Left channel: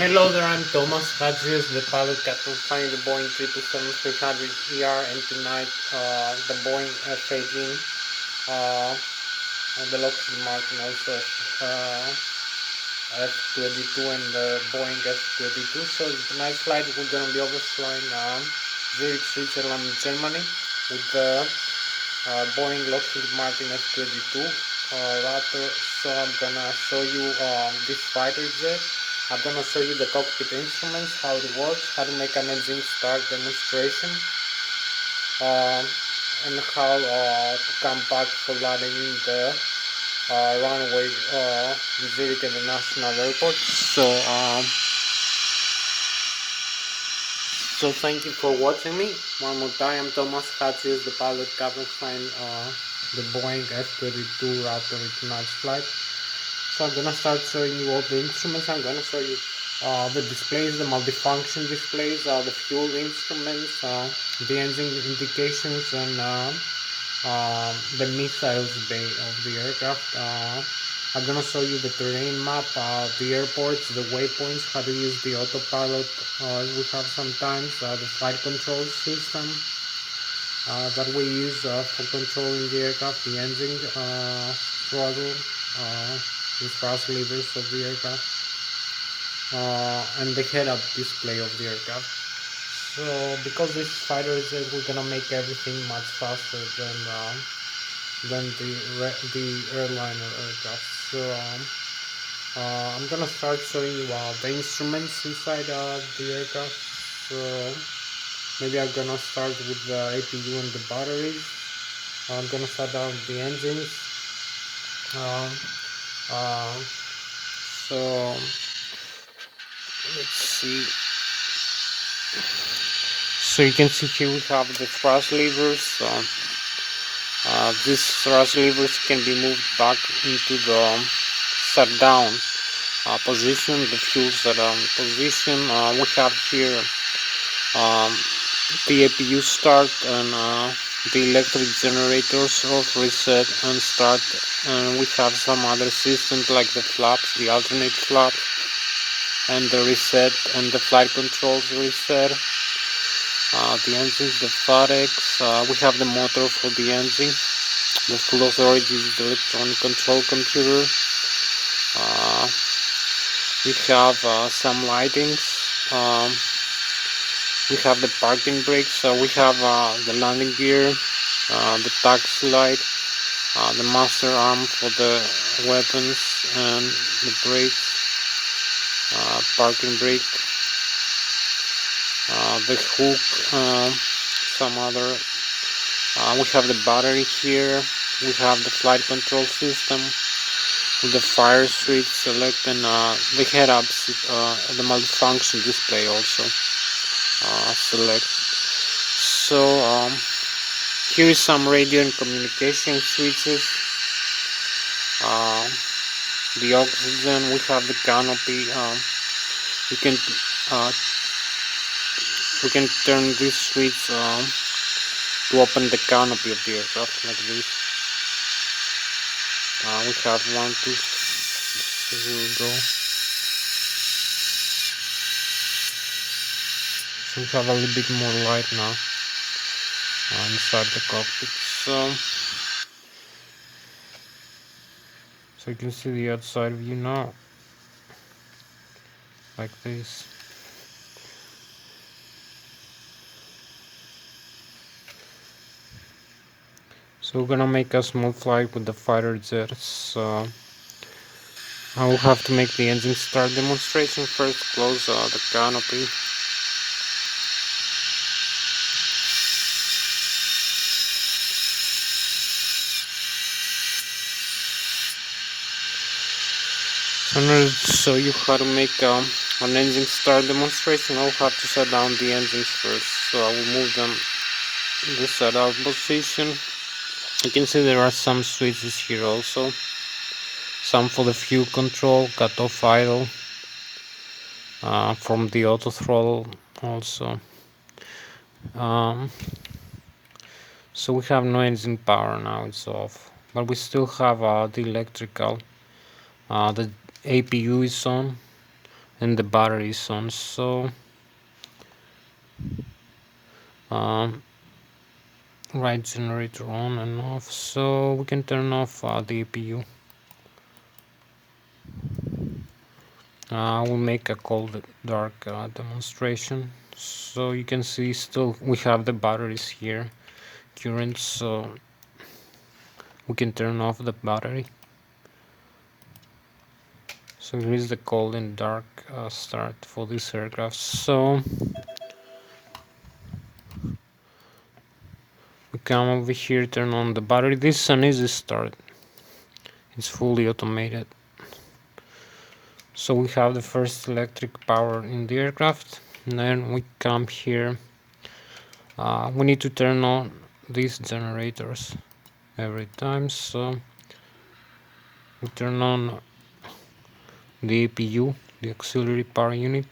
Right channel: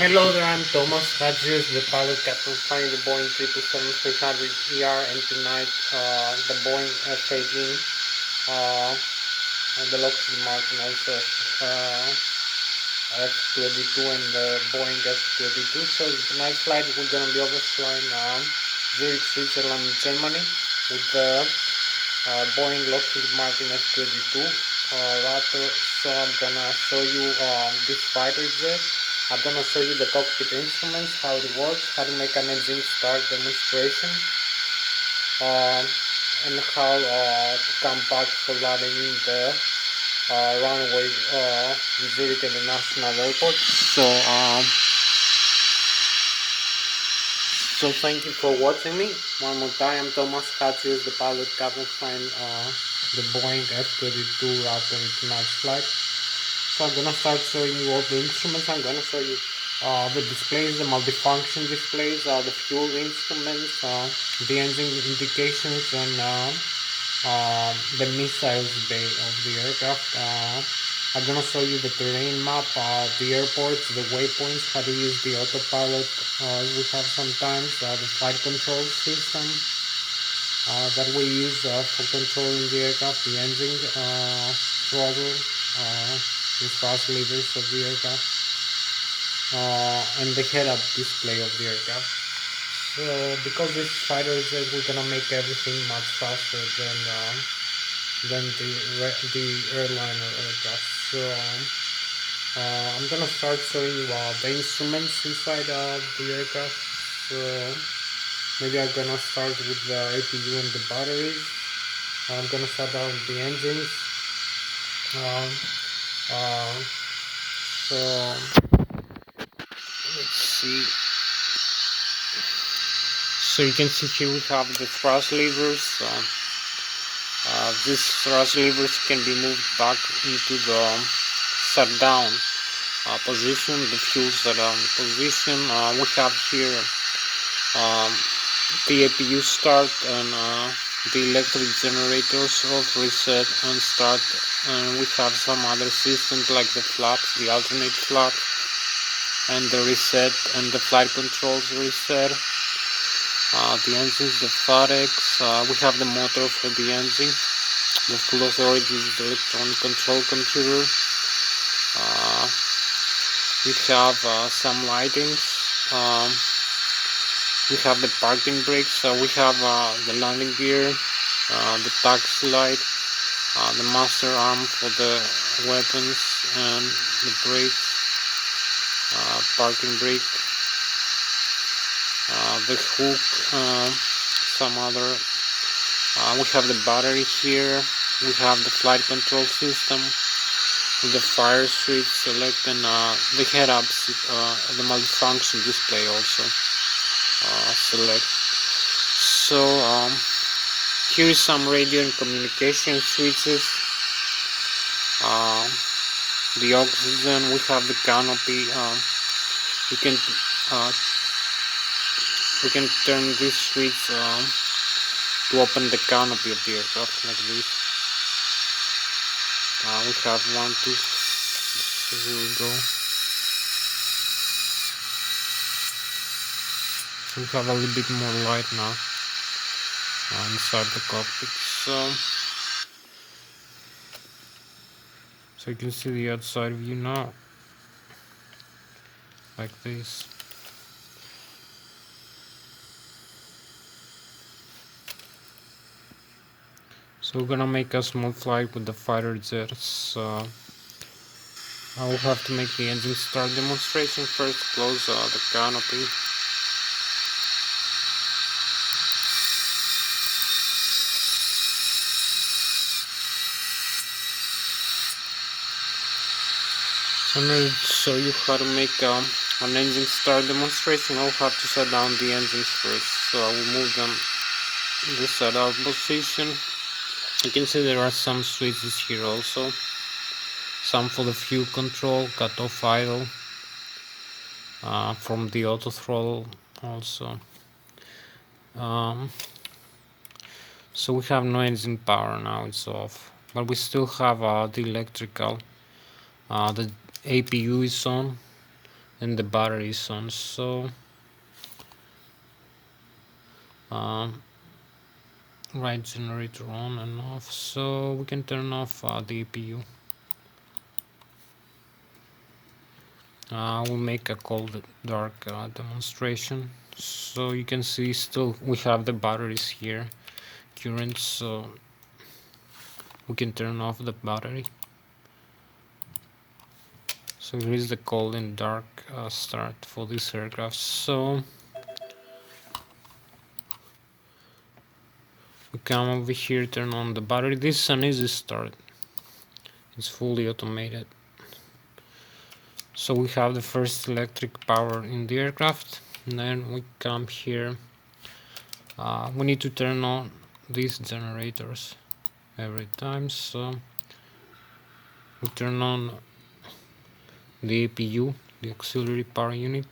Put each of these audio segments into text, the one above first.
Hello there, I'm Thomas Hatsios, the pilot captain flying the Boeing 777-300ER, and tonight the Boeing F-18, and the Lockheed Martin also F-22 and the Boeing F-22. So tonight's flight we're going to be overflying Zurich, Switzerland and Germany with the Boeing Lockheed Martin F-22 Raptor. So I'm going to show you this fighter jet. I'm gonna show you the cockpit instruments, how it works, how to make an engine start demonstration, and how to come back for landing in the runway in Zurich International Airport. So thank you for watching me. One more time, I'm Thomas Hatsios, the pilot captain flying the Boeing F-22 Raptor tonight's flight. So I'm gonna start showing you all the instruments. I'm gonna show you the displays, the multifunction displays, the fuel instruments, the engine indications, and the missiles bay of the aircraft. I'm gonna show you the terrain map, the airports, the waypoints, how to use the autopilot we have sometimes, the flight control system that we use for controlling the aircraft, the engine throttle, the thrust levers of the aircraft, and the head-up display of the aircraft. So because this fighter jet, we're gonna make everything much faster than the airliner aircraft. So I'm gonna start showing you the instruments inside the aircraft. So maybe I'm gonna start with the APU and the batteries. I'm gonna shut down the engines. Um, so let's see. So you can see here we have the thrust levers. These thrust levers can be moved back into the shutdown position. The fuel shutdown position. We have here the APU start and the electric generators of reset and start, and we have some other systems like the flaps, the alternate flaps, and the reset and the flight controls reset. The engines, the FAREX, we have the motor for the engine, the full authority is the electronic control computer. We have some lightings. We have the parking brakes. We have the landing gear, the taxi light, the master arm for the weapons, and the brakes, parking brake, the hook, some other. We have the battery here. We have the flight control system with the fire switch select, and the head-ups, the multifunction display also select. So here is some radio and communication switches. The oxygen, we have the canopy. We can turn this switch to open the canopy of the aircraft like this. We have 1, 2, here we go. So we have a little bit more light now inside the cockpit. So you can see the outside view now, like this. So we're gonna make a small flight with the fighter jets. I will have to make the engine start demonstration first. Close the canopy. So I'm going to show you how to make an engine start demonstration. I'll have to shut down the engines first. So I will move them in the shutdown position. You can see there are some switches here also. Some for the fuel control, cut off idle, from the auto throttle also. So we have no engine power now, it's off. But we still have the electrical. The APU is on, and the battery is on. So right generator on and off, so we can turn off the APU. We'll make a cold dark demonstration. So you can see still we have the batteries here current, so we can turn off the battery. So here is the cold and dark start for this aircraft. So we come over here, turn on the battery. This is an easy start, it's fully automated. So we have the first electric power in the aircraft, and then we come here. We need to turn on these generators every time, so we turn on the APU, the auxiliary power unit.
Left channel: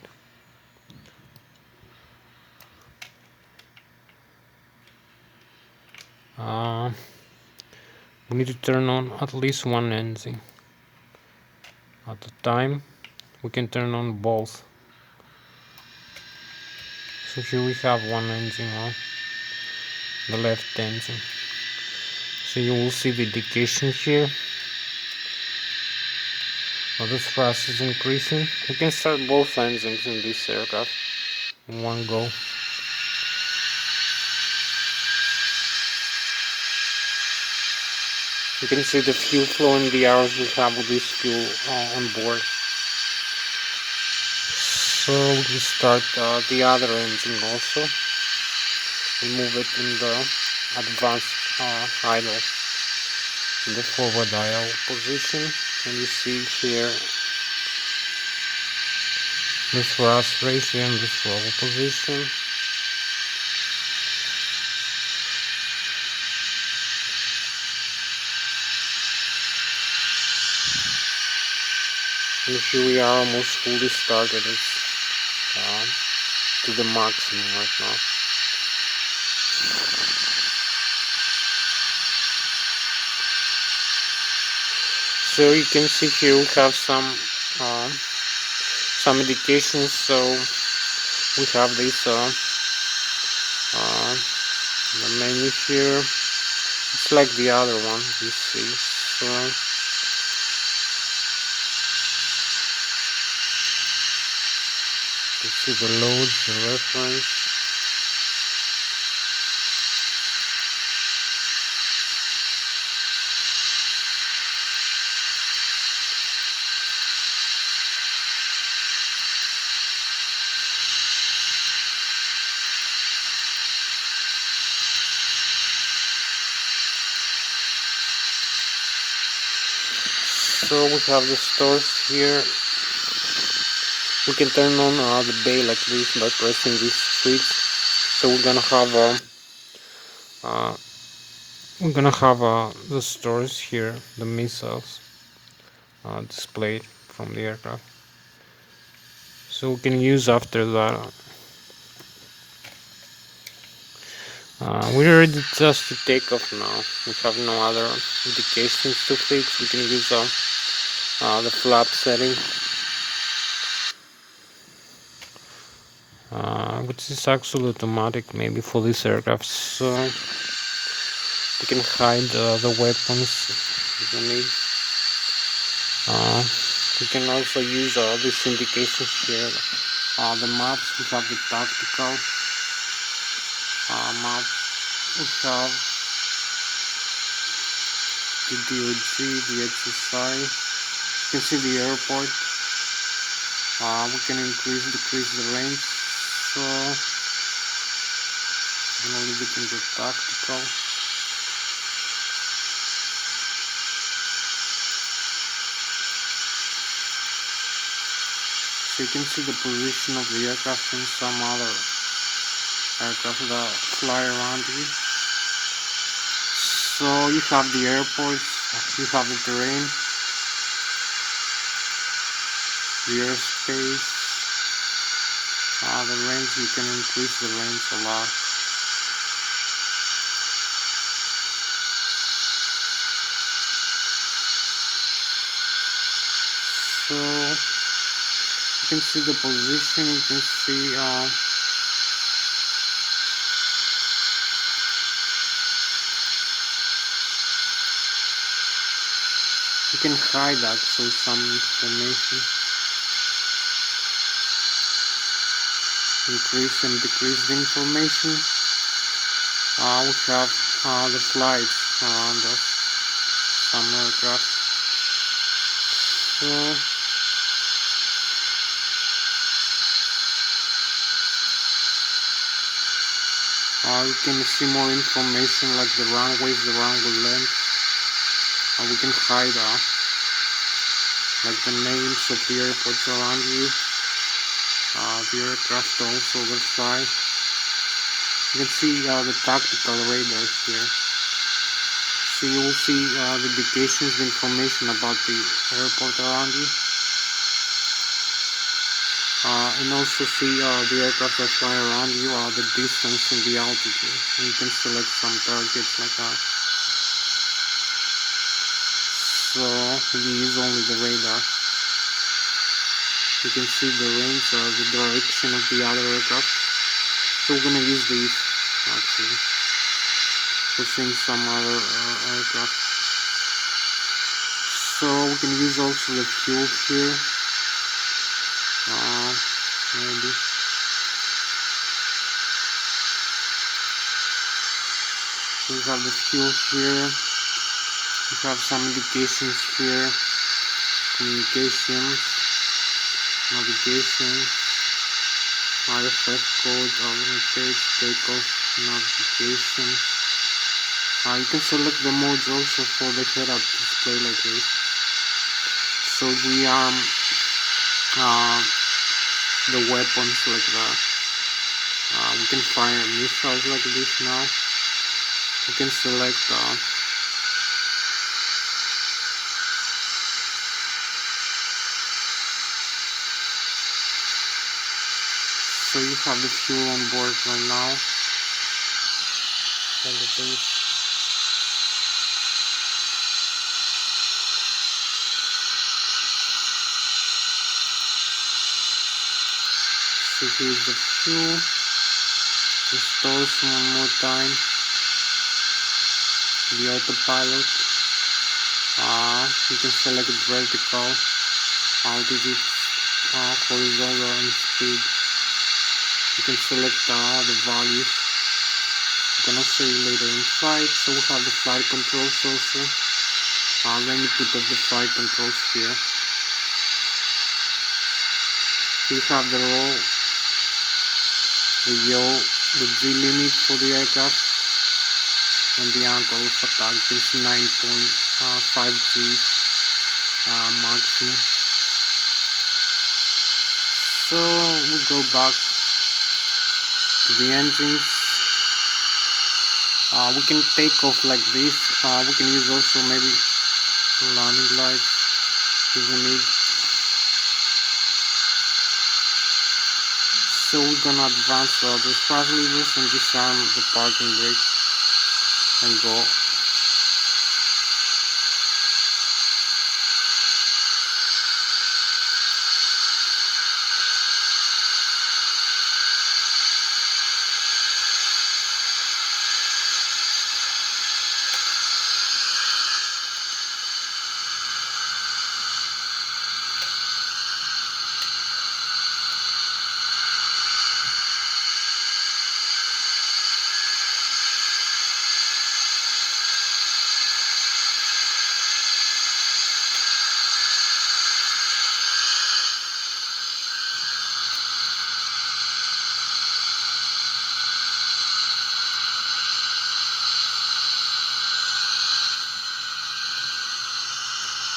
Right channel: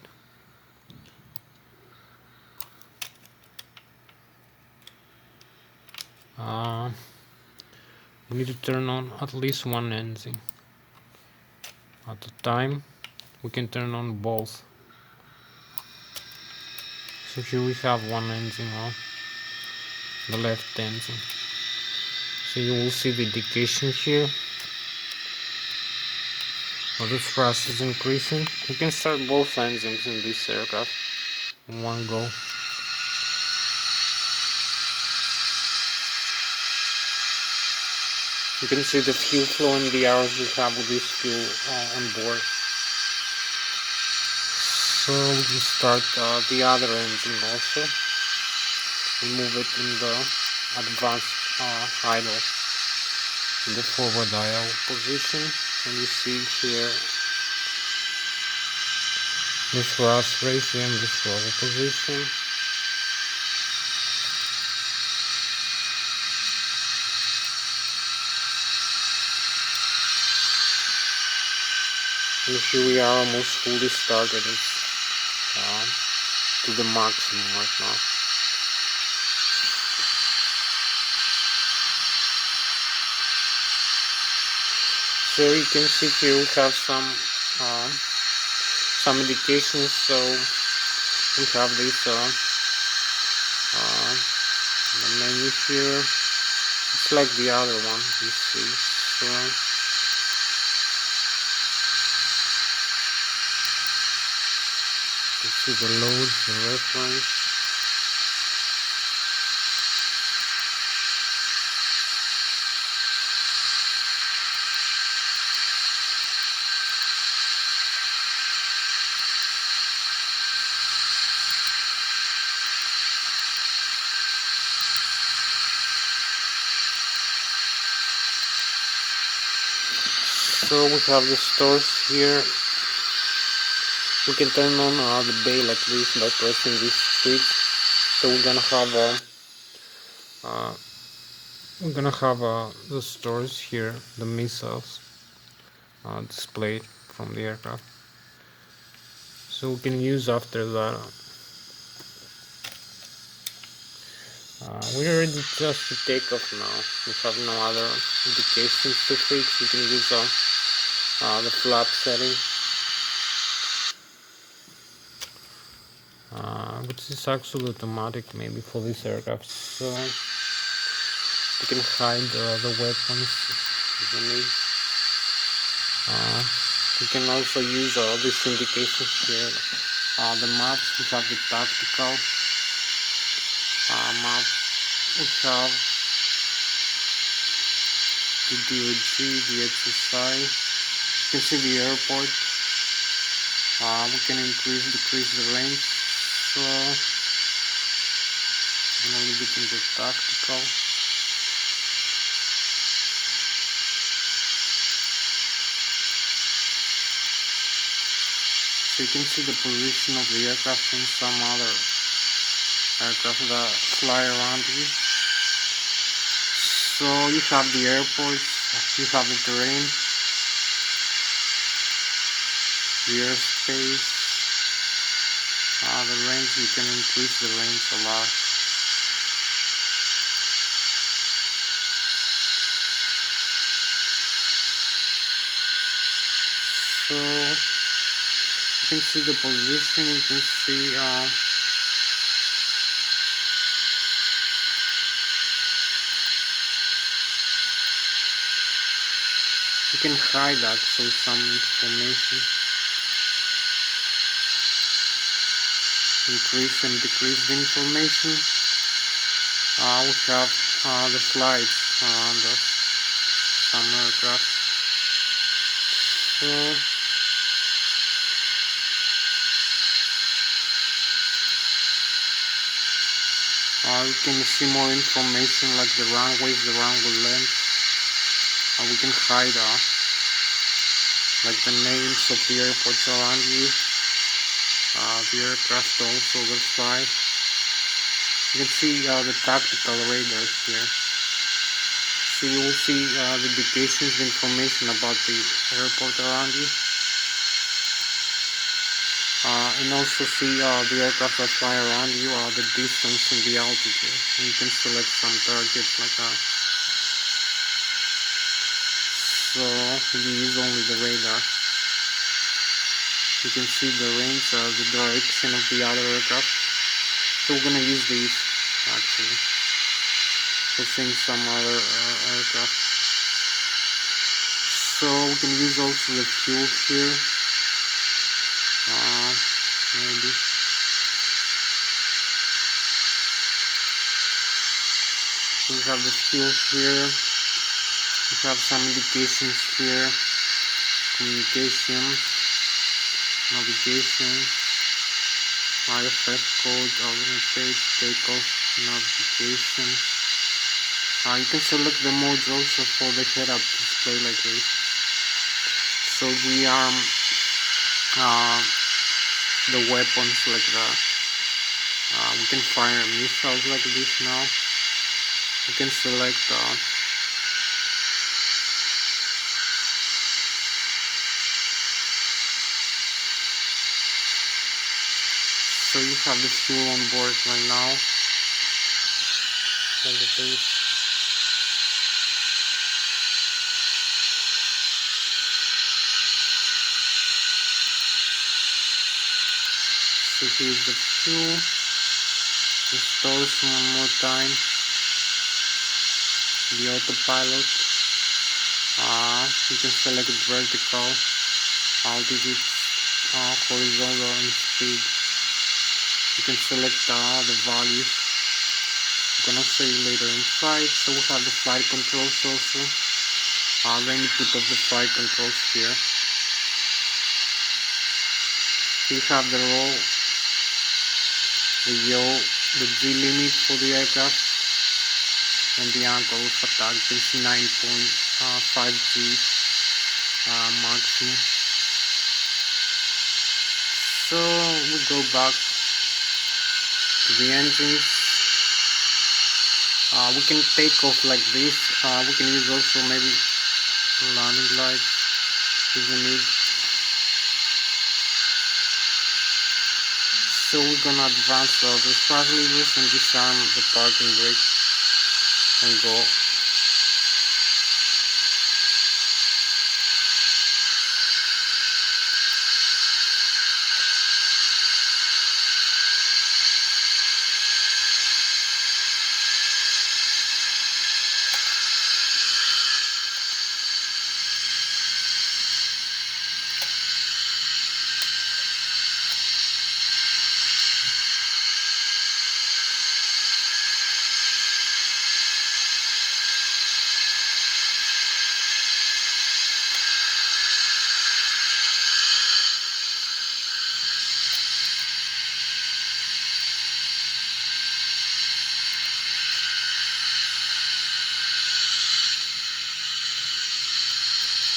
We need to turn on at least one engine at a time. We can turn on both. So here we have one engine on, the left engine. So you will see the indication here. The thrust is increasing. We can start both engines in this aircraft in one go. You can see the fuel flow and the hours we have with this fuel on board. So we can start the other engine also. We move it in the advanced idle, in the forward idle position, and you see here the thrust ratio and the throttle position. And here we are almost fully started. It's to the maximum right now. So you can see here we have some indications. So we have this the menu here. It's like the other one, you see. So you see the loads, the reference. So we have the stores here. We can turn on the bail at least by pressing this switch. So we're gonna have the stores here, the missiles displayed from the aircraft. So we can use after that. We're ready just to take off now. We have no other indications to fix. We can use the flap setting, which is actually automatic maybe for this aircraft. So you can hide the weapons if you need. You can also use these indications here. The maps, we have the tactical map, we have the DOG, the HSI, you can see the airport. We can decrease the range, so I'm gonna leave it in the tactical. So you can see the position of the aircraft and some other aircraft that fly around you. So you have the airports, you have the terrain, the airspace, the range. You can increase the range a lot. So can see the position, you can see you can hide actually some information, increase and decrease the information. We have the flights around us, some aircraft. So you can see more information like the runways, the runway length. We can hide like the names of the airports around you, the aircraft also will fly. You can see the tactical radar here. So you will see the indications, the information about the airport around you. And also see the aircraft that fly around you, the distance and the altitude. And you can select some targets like that. So you use only the radar. You can see the range or the direction of the other aircraft. So we're gonna use these actually to see some other aircraft. So we can use also the fuel here. Maybe. So we have the fuel here. We have some indications here. Communications, navigation, IFS code, alternate page, takeoff, navigation. You can select the modes also for the head-up display like this. So the weapons like that. We can fire missiles like this now. We can select so you have the fuel on board right now. All the things. So here's the fuel. Restore one more time. The autopilot. You can select vertical, altitude, horizontal, and speed. You can select the values. You can also see later in flight. So we have the flight controls also. Let me put up the flight controls here. We have the roll, the yaw, the G limit for the aircraft, and the angle of attack is 9.5 G maximum. So we go back to the engines. We can take off like this. We can use also maybe landing lights if we need. So we're gonna advance the thrust levers and disarm the parking brake and go.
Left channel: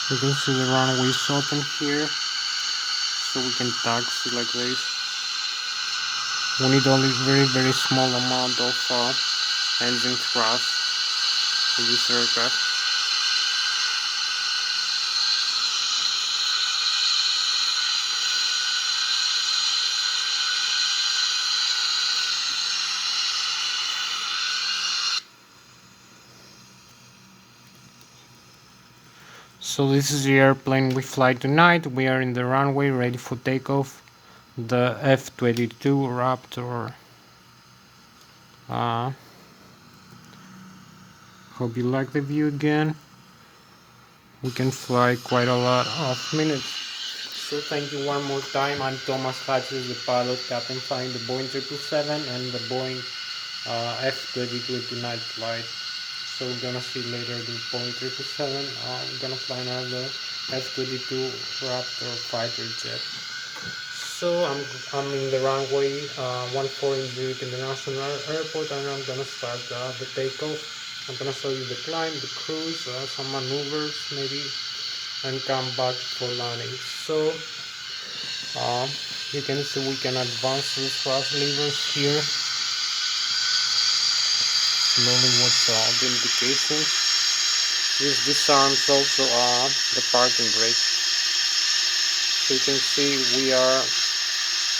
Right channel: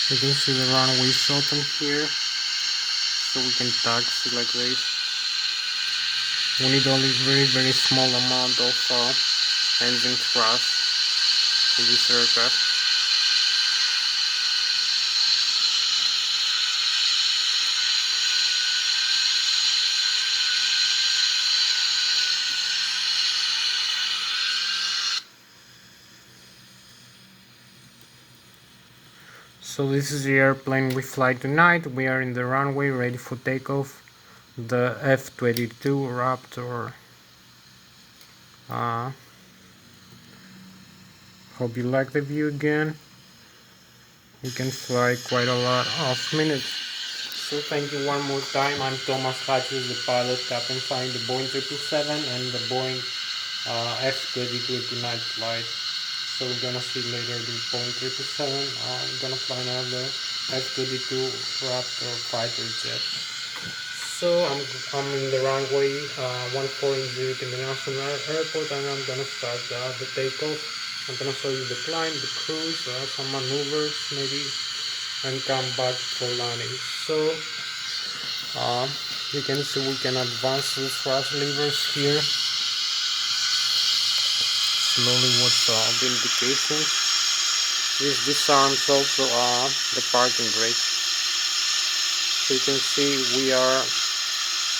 You can see the runways open here, so we can taxi like this. We need only very small amount of engine thrust for this aircraft. So this is the airplane we fly tonight. We are in the runway ready for takeoff. The F-22 Raptor. Hope you like the view again. We can fly quite a lot of minutes. So thank you one more time. I'm Thomas Hatsios, the pilot captain flying the Boeing 777 and the Boeing F-22 tonight flight. So we're gonna see later the Boeing 777. We're gonna fly now the F-22 Raptor fighter jet. So I'm in the runway 14 International Airport, and I'm gonna start the takeoff. I'm gonna show you the climb, the cruise, some maneuvers maybe, and come back for landing. So you can see we can advance the thrust levers here. Slowly watch the indications. This disarms also the parking brake. So you can see we are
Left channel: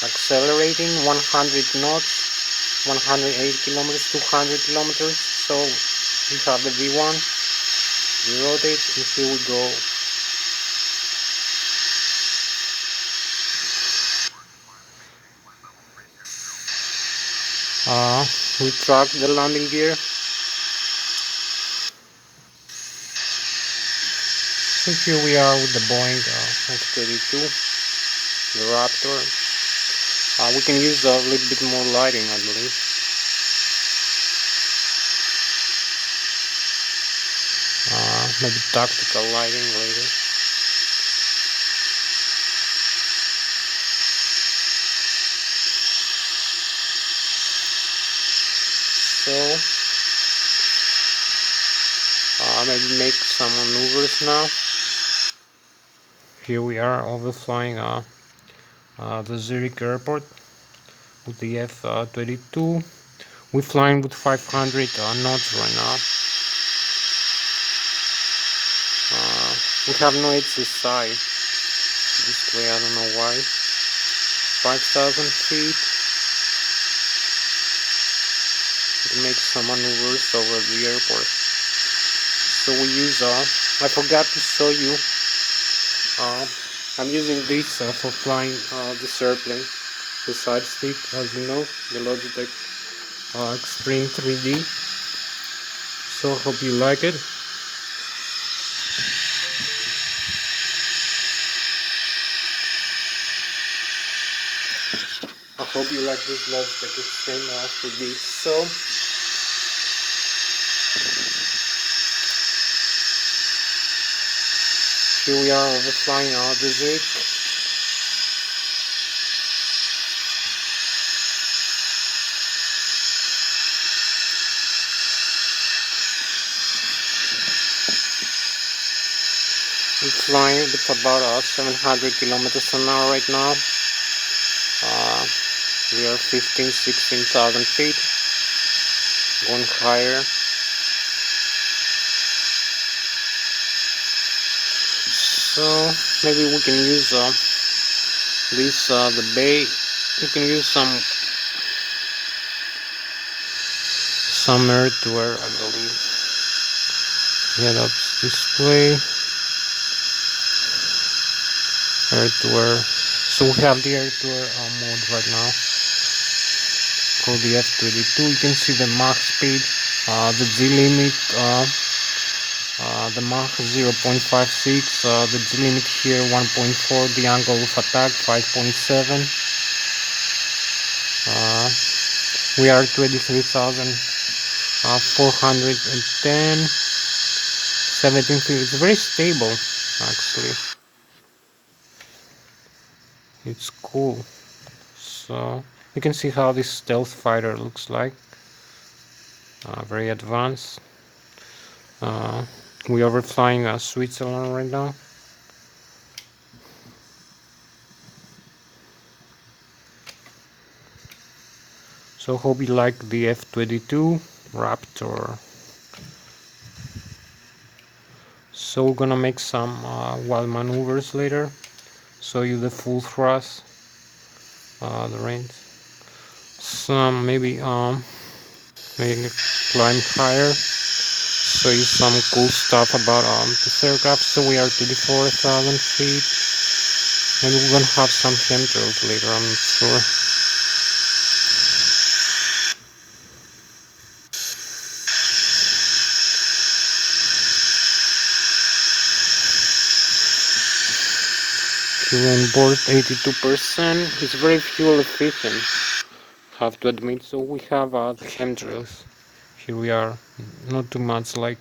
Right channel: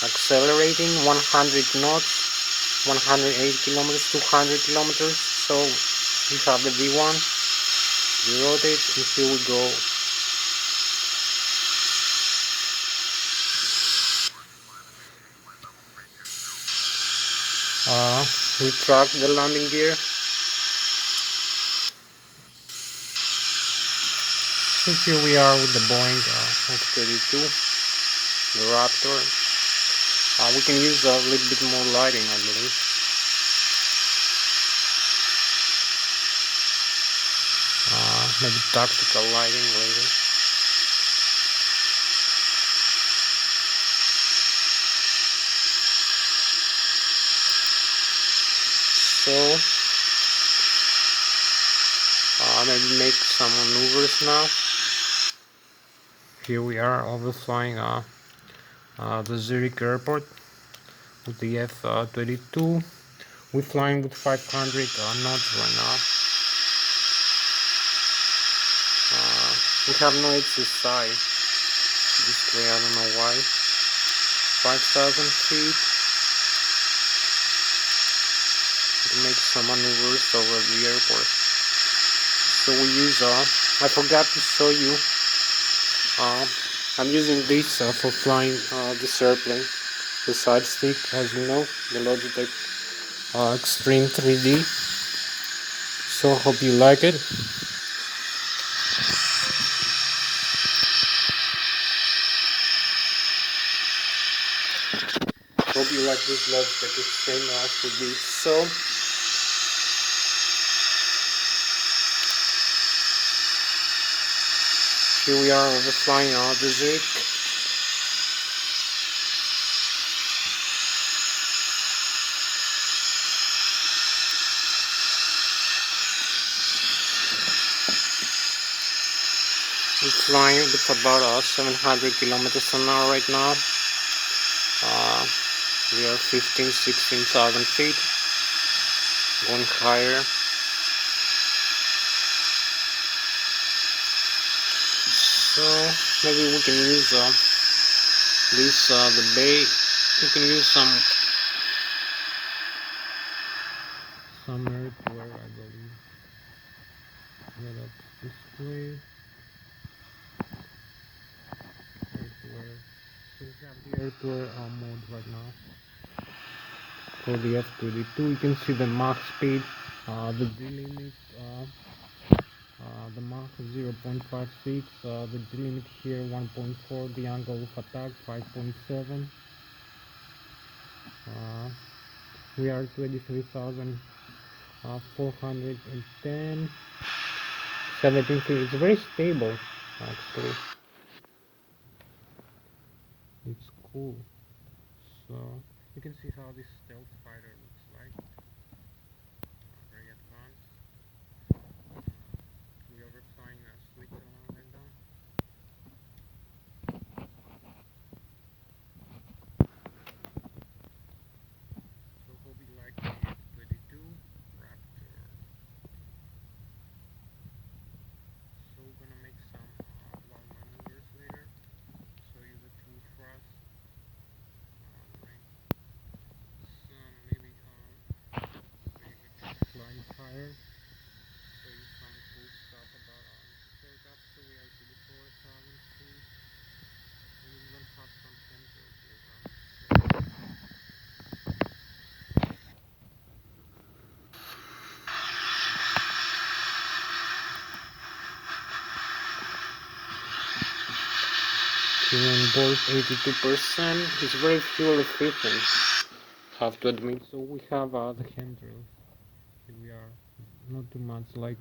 accelerating 100 knots, 180 kilometers, 200 kilometers. So we have the V1, we rotate, and here we go. We track the landing gear. So here we are with the Boeing F-22, the Raptor. We can use a little bit more lighting, I believe. Maybe tactical lighting later. So maybe make some maneuvers now. Here we are overflying the Zurich airport with the F-22. We're flying with 500 knots right now. We have no HSI display, I don't know why. 5,000 feet. We can make some maneuvers over the airport. So we use, I forgot to show you, I'm using this for flying this airplane, the side stick, as you know, the Logitech Extreme 3D. So hope you like it. Hope you like this Logitech Extreme 3D. So here we are overflying the Zurich. We're flying with about 700 kilometers an hour right now. We are 16,000 feet, going higher. So maybe we can use this the bay. We can use some air-to-air, I believe. Head-ups display, air-to-air. So we have the air-to-air mode right now for the F-22. You can see the Mach speed, the Z-limit, the Mach 0.56, the Z-limit here 1.4, the angle of attack 5.7. We are 23,410, 17 feet. It's very stable, actually. It's cool. So you can see how this stealth fighter looks like. Very advanced. We are overflying Switzerland right now. So hope you like the F-22 Raptor. So we're gonna make some wild maneuvers later. Show you the full thrust, the range. Some maybe climb higher. show you some cool stuff about this aircraft. So we are 34,000 feet, and we're gonna have some chemtrails later, I'm not sure. Fuel on board 82%. It's very fuel efficient, have to admit. So we have the chemtrails. Here we are, not too much like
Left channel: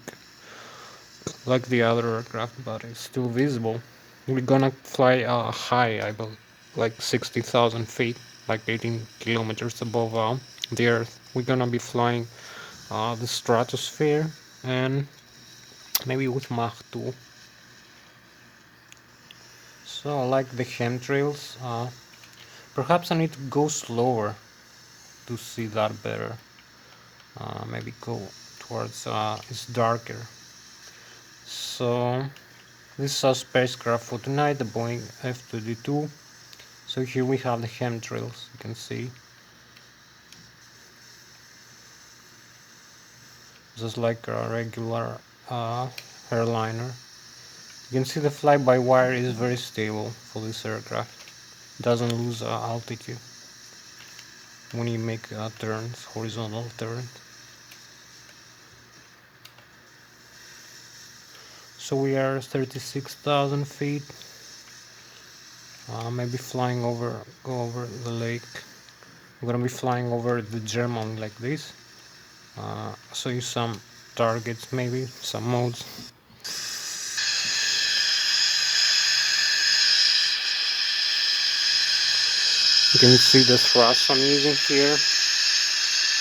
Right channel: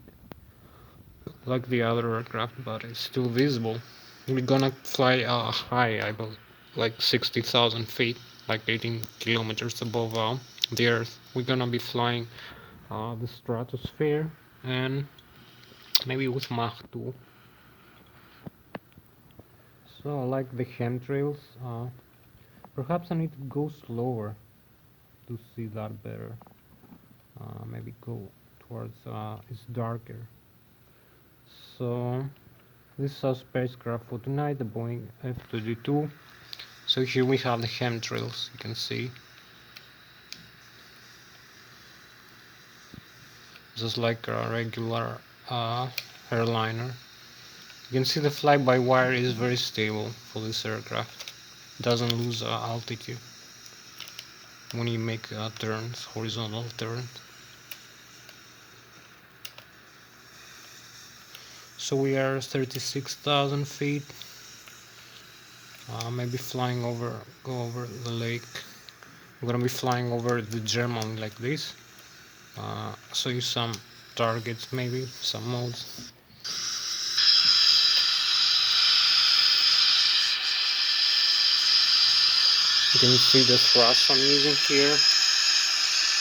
the other aircraft, but it's still visible. We're gonna fly high, I believe, like 60,000 feet, like 18 kilometers above the Earth. We're gonna be flying the stratosphere, and maybe with Mach 2. So, like the chemtrails, perhaps I need to go slower to see that better. Maybe go towards it's darker. So this is our spacecraft for tonight, the Boeing F-32. So here we have the chemtrails, you can see. This is like a regular airliner. You can see the fly-by-wire is very stable for this aircraft. It doesn't lose altitude when you make turns, horizontal turns. So we are 36,000 feet. Maybe flying go over the lake. We're gonna be flying over the German like this. Show you some targets, maybe some modes. You can see the thrust I'm using here.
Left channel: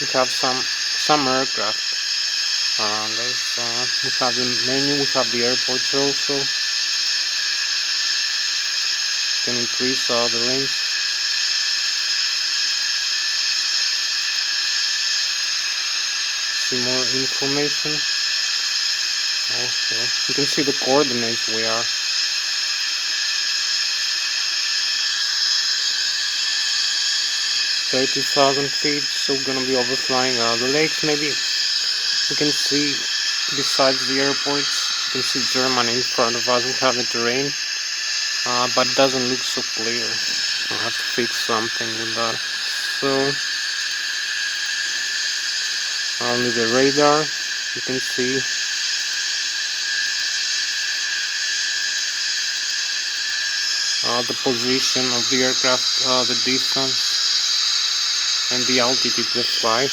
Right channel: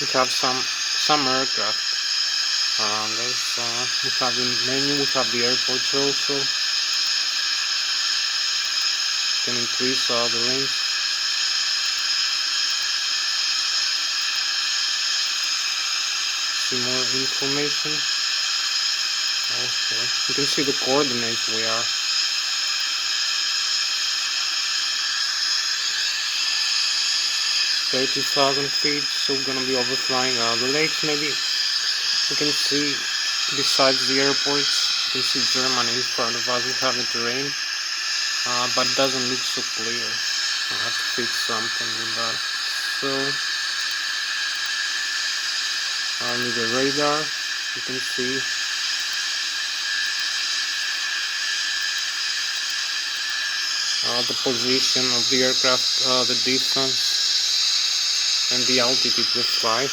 We have some aircraft. We have the menu, we have the airports also. Can increase the range. See more information. Also, you can see the coordinates we are. 30,000 feet, so we're gonna be overflying the lakes maybe. You can see, besides the airports, you can see Germany in front of us. We have the terrain, but it doesn't look so clear. I'll have to fix something with that. So, only the radar, you can see. The position of the aircraft, the distance, and the altitude they fly.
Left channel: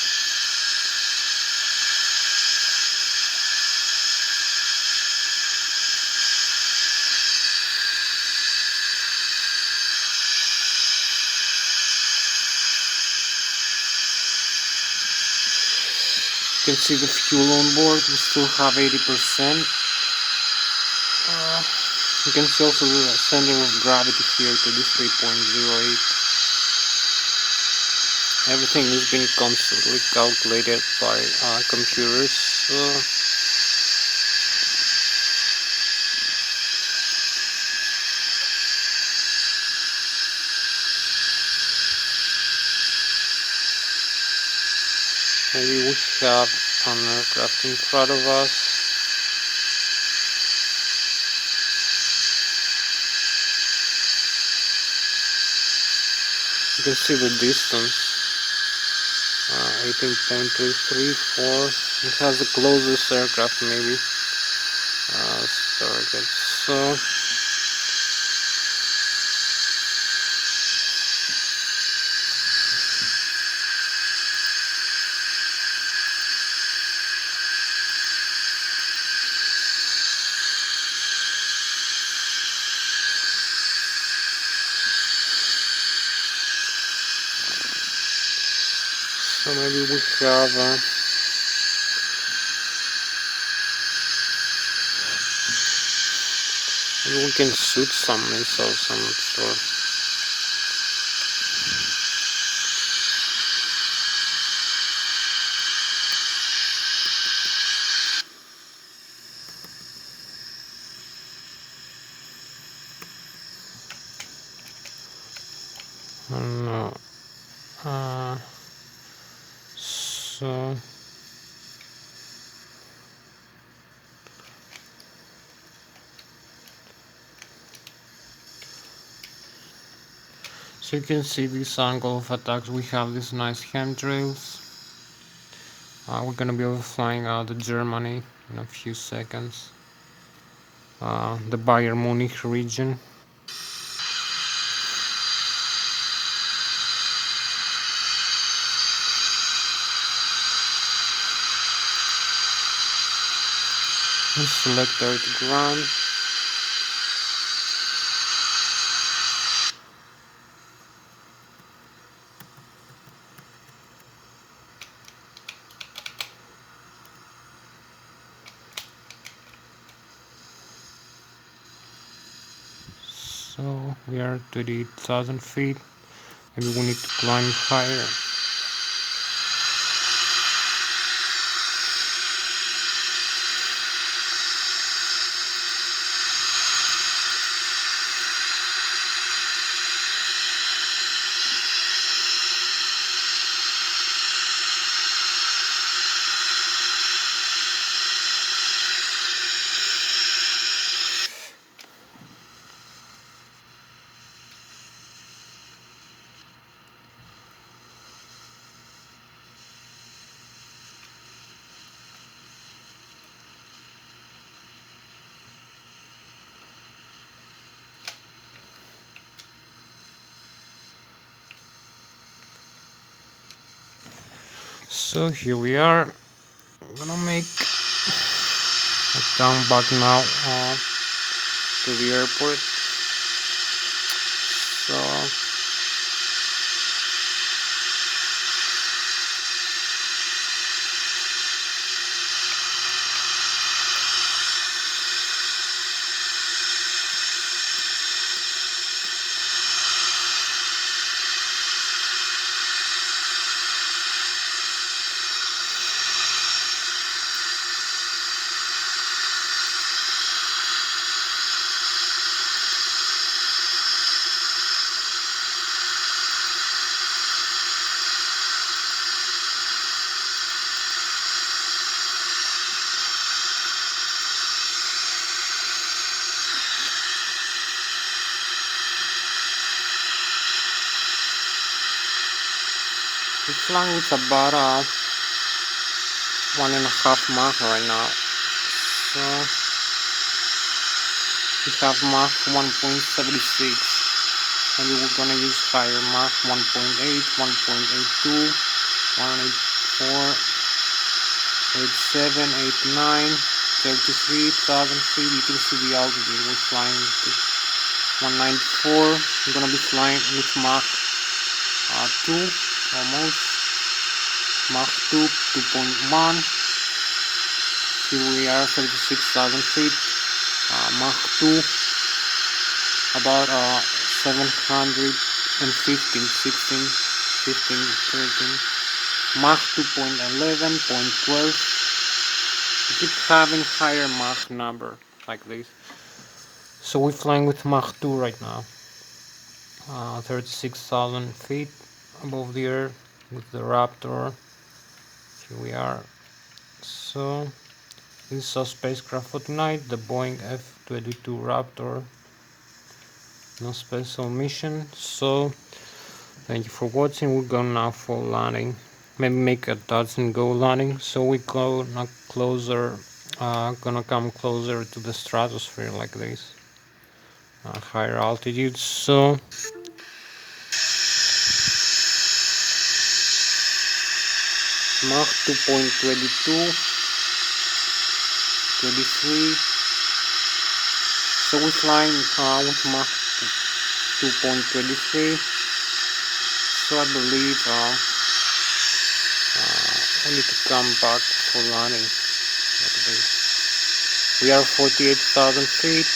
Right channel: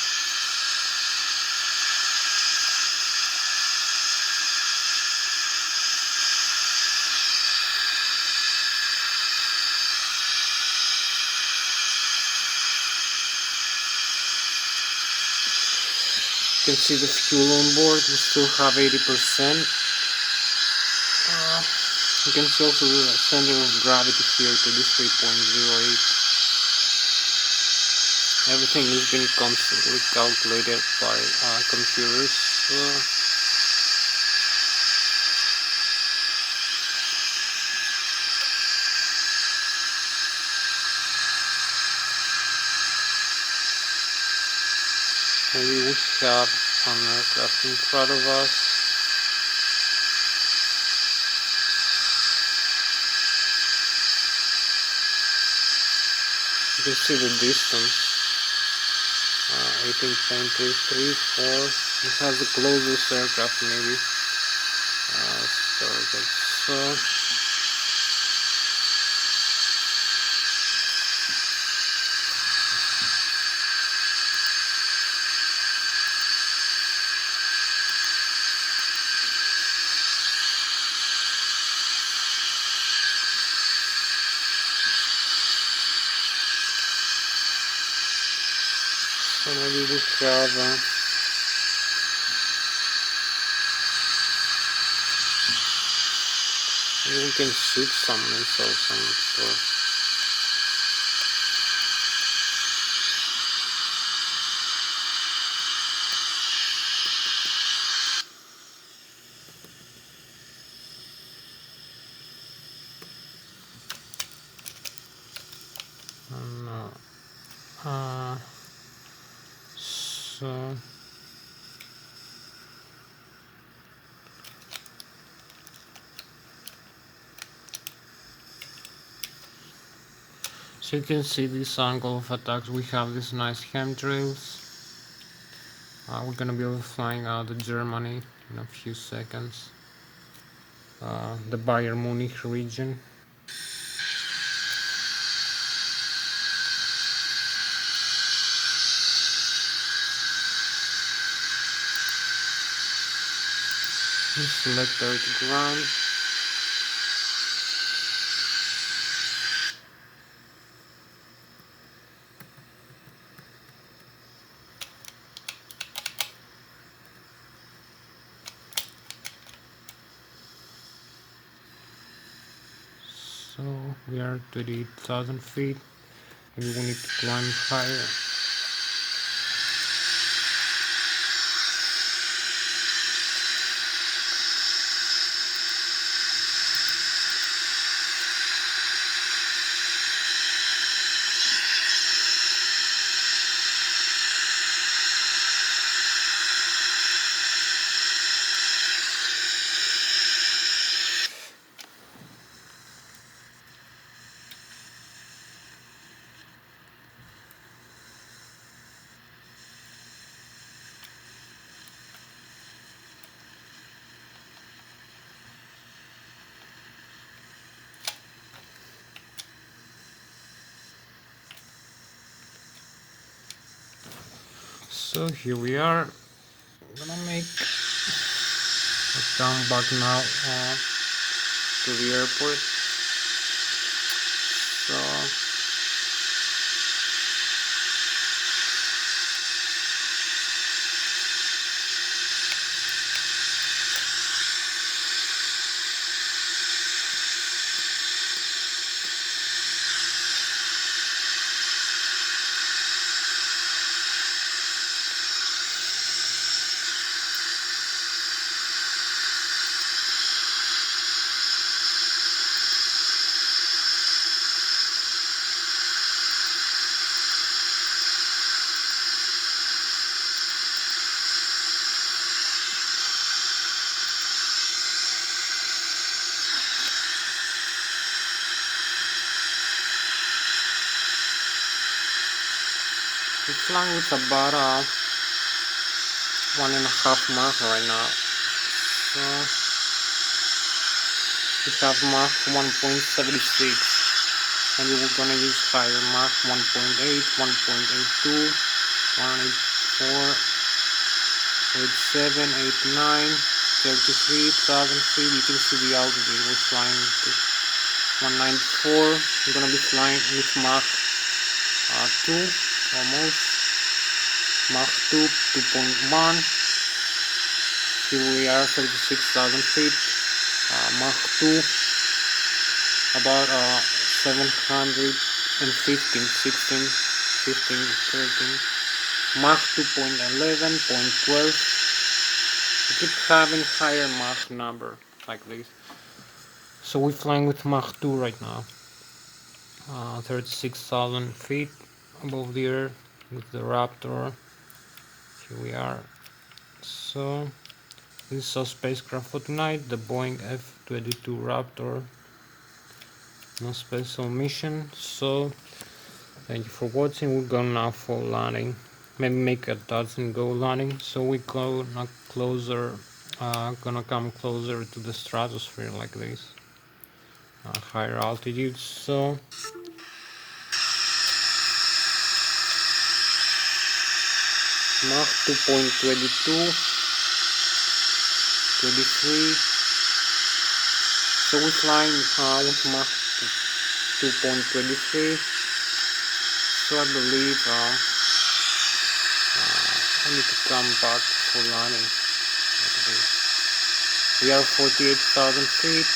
You can see the fuel on board, we still have 80%. You can see also the center of gravity here, 33.08. Everything is being constantly calculated by computers. Maybe we have an aircraft in front of us. You can see the distance. 18.234. It has the closest aircraft maybe. Target. So maybe we have maybe we can shoot some missiles, I'm not sure. No. So So you can see this angle of attacks. We have these nice handrails. We're gonna be flying out of Germany in a few seconds. The Bayern Munich region. We select our ground. So we are to the 1,000 feet. Maybe we need to climb higher. So here we are. I'm gonna make a turn back now to the airport. So we're flying with about 1.5 Mach right now. So we have Mach 1.76. Maybe we're gonna use higher Mach 1.8, 1.82, 1.84, 87, 89, 33,000 feet. You can see the altitude. We're flying to 194. We're gonna be flying with Mach 2 almost. Mach 2, 2.1. Here we are, 36,000 feet. Mach 2, about 715, 16, 15, 13. Mach 2.11, 0.12. We keep having higher Mach number like this. So we're flying with Mach 2 right now. 36,000 feet above the earth with the Raptor. Here we are. So this is our spacecraft for tonight, the Boeing F-22 Raptor. No special mission. So thank you for watching. We're going now for landing. Maybe make a touch and go landing. So we go not closer, gonna come closer to the stratosphere like this. Higher altitude. So Mach 2.22, 23. So we're flying with Mach 2.23. So I believe we need to come back for landing. We are 48,000 feet.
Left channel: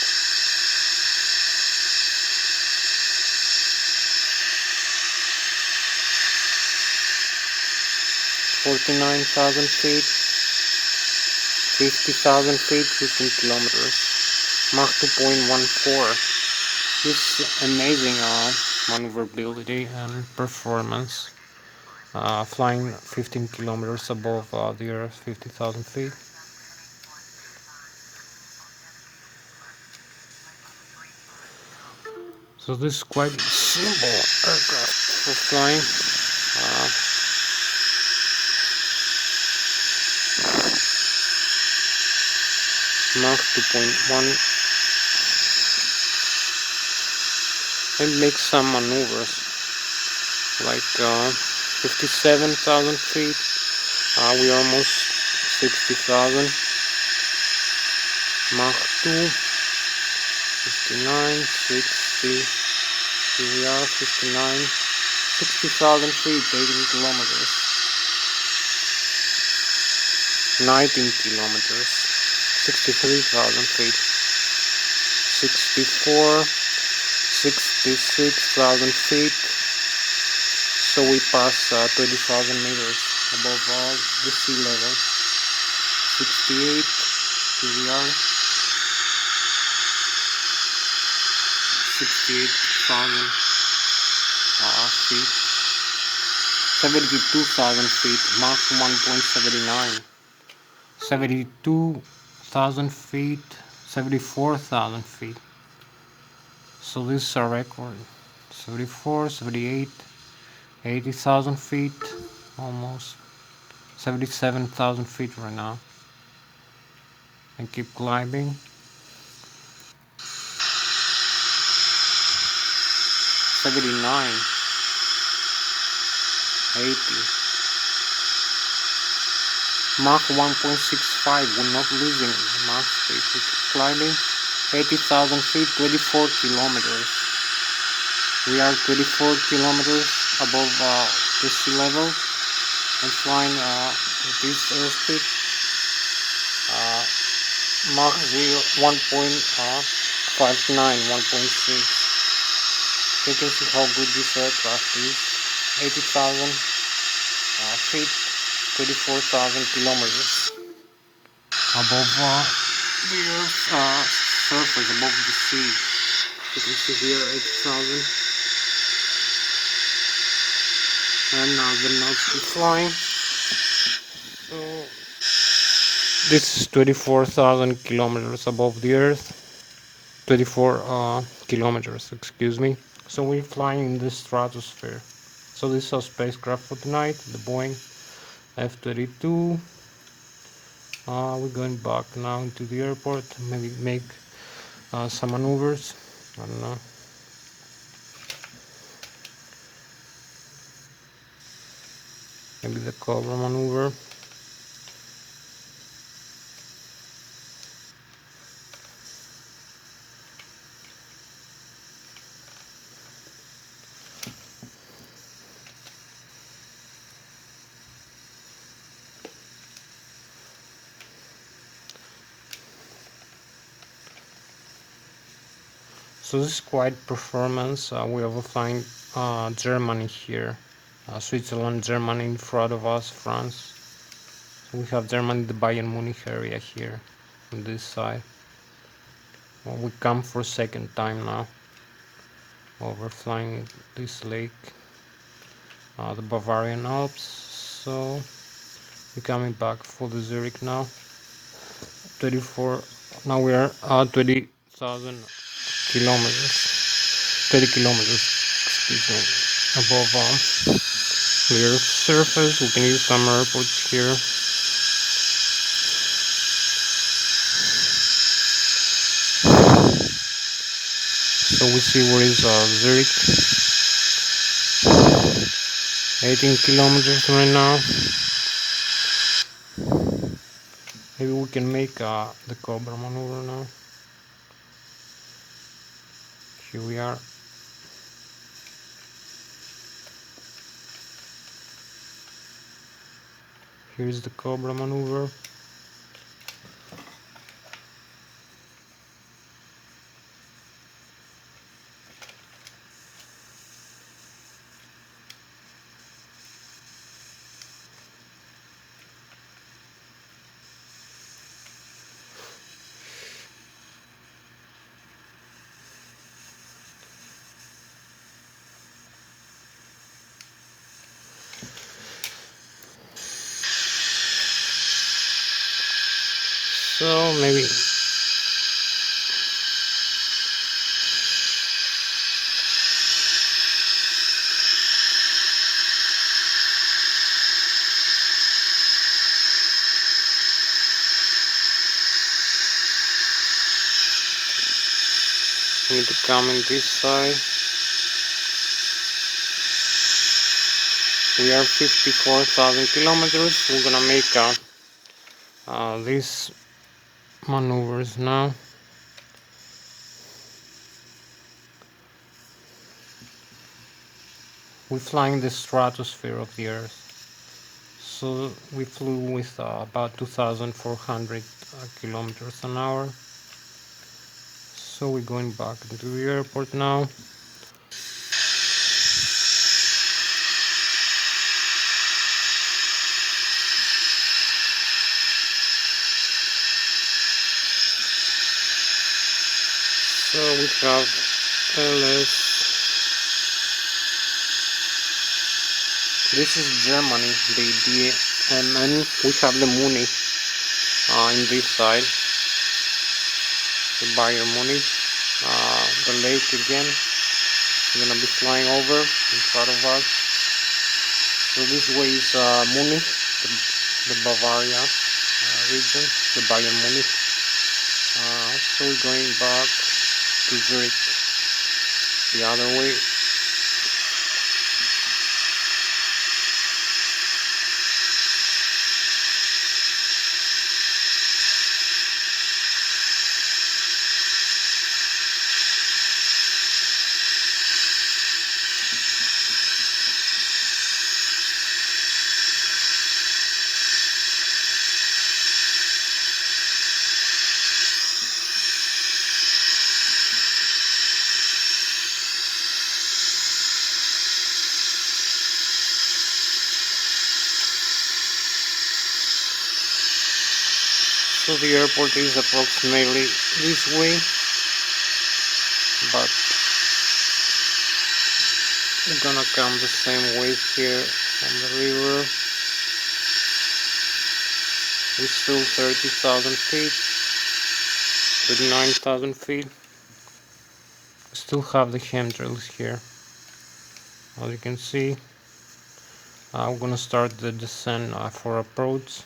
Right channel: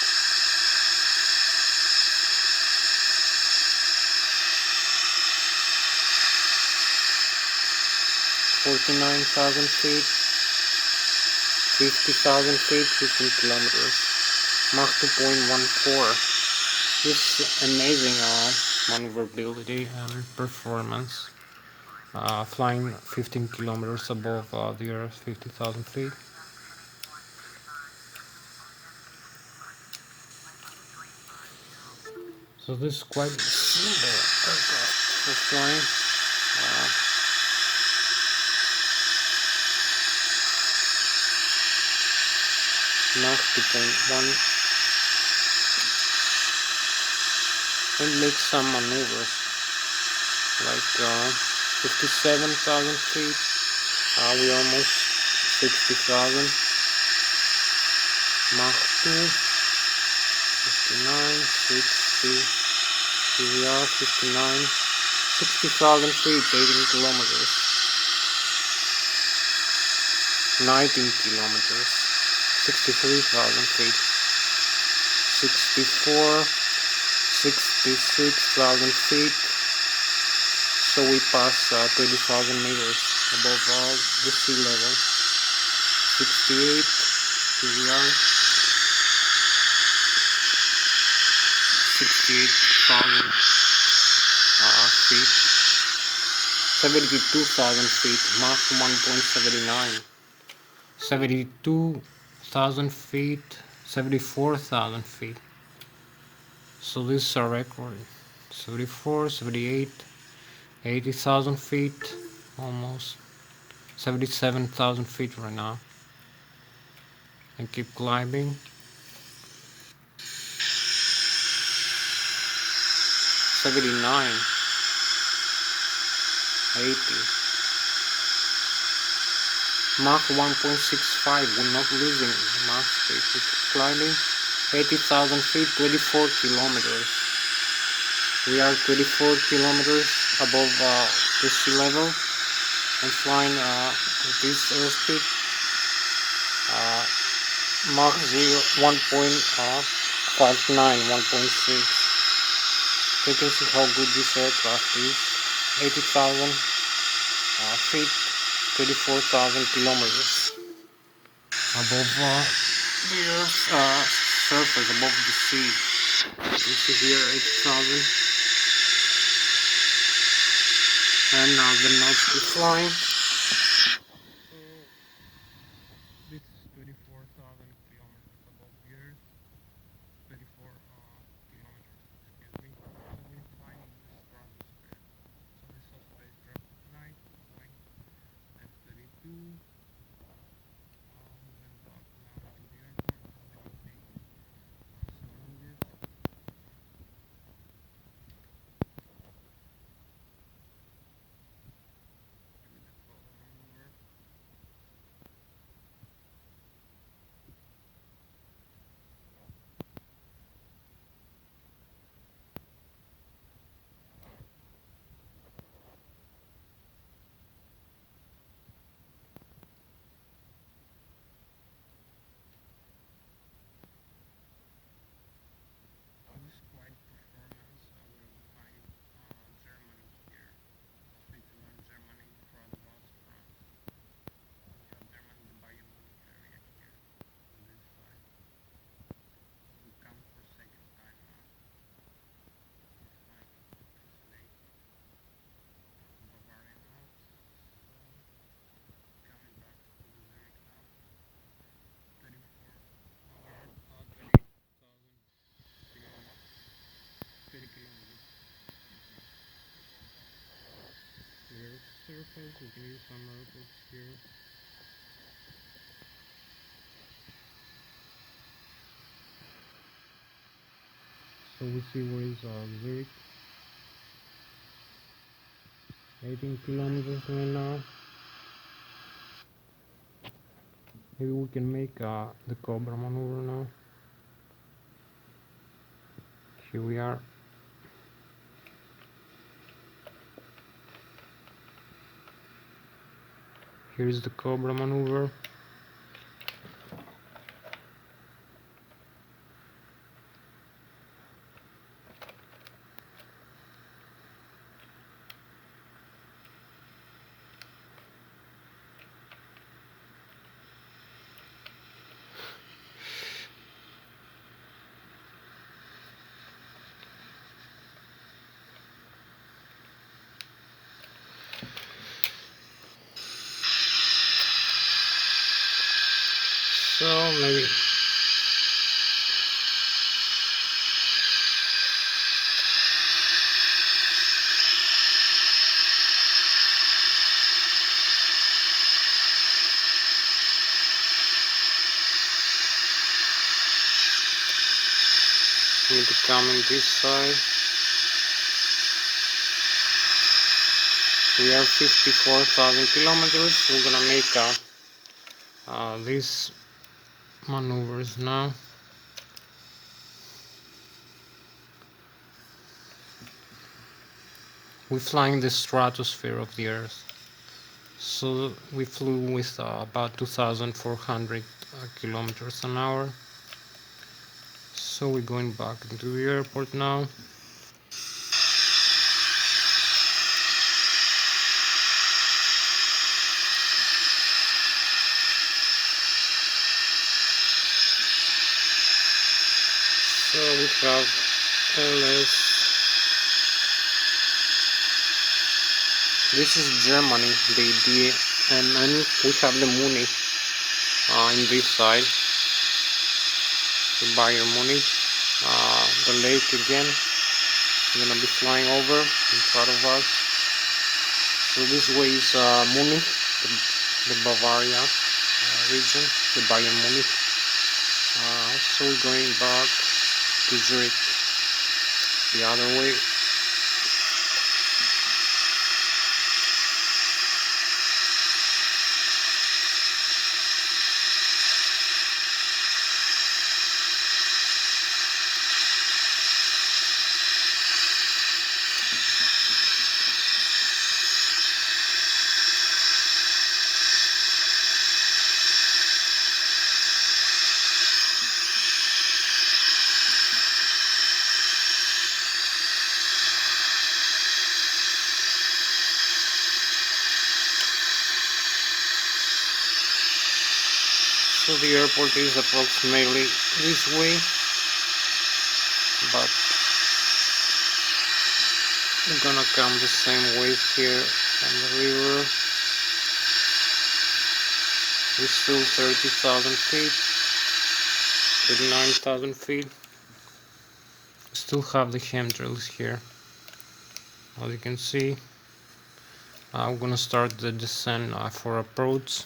49,000 feet, 50,000 feet, 15 kilometers, Mach 2.14. This amazing maneuverability and performance, flying 15 kilometers above the Earth, 50,000 feet. So this is quite simple aircraft for flying. Mach 2.1. And make some maneuvers like 57,000 feet. We almost 60,000. Mach 2, 59, 60. Here we are, 59, 60,000 feet, 18 kilometers, 19 kilometers, 63,000 feet, 64, 66,000 feet. So we pass 20,000 meters above the sea level. 68, here we are, 68,000 feet, 72,000 feet, Mach 1.79, 72,000 feet, 74,000 feet. So this is a record. 74, 78, 80,000 feet, almost 77,000 feet right now. And keep climbing. 79, 80. Mach 1.65, we're not losing Mach speed. We keep climbing. 80,000 feet, 24 kilometers. We are 24 kilometers above the sea level and flying with this airspeed. Mach 1.59, 1.6. So you can see how good this aircraft is. 80,000 feet, 24,000 kilometers above the Earth's surface, above the sea. You can see here 80,000. And now the nose is flying. So this is 24,000 kilometers above the Earth. 24 kilometers, excuse me. So we're flying in the stratosphere. So this is our spacecraft for tonight, the Boeing F-22. We're going back now into the airport, maybe make some maneuvers. I don't know. Maybe the Cobra maneuver. So this is quite performance. We are flying Germany here, Switzerland, Germany in front of us, France. So we have Germany, the Bayern Munich area here on this side. Well, we come for second time now. While we're flying this lake, the Bavarian Alps. So we're coming back for the Zurich now. 24. Now we are 20,000 kilometers. 30 kilometers, excuse me, above the Earth's surface. We can use some airports here. So we see where is Zurich. 18 kilometers right now. Maybe we can make the Cobra maneuver now. Here we are. Here is the Cobra maneuver. So maybe We need to come on this side. We have 54,000 kilometers. We're gonna make these maneuvers now. We're flying the stratosphere of the Earth. So we flew with about 2,400 kilometers an hour. So we're going back into the airport now. So we have Lszh. This is Germany, the DMN. We have the Munich in this side, the Bayern Munich, the lake again. We're gonna be flying over in front of us. So this way is Munich, the Bavaria region, the Bayern Munich. So we're going back to Zurich the other way. So the airport is approximately this way, but we're gonna come the same way here on the river. We're still 30,000 feet, 39,000 feet. Still have the handrails here, as you can see. I'm gonna start the descent for approach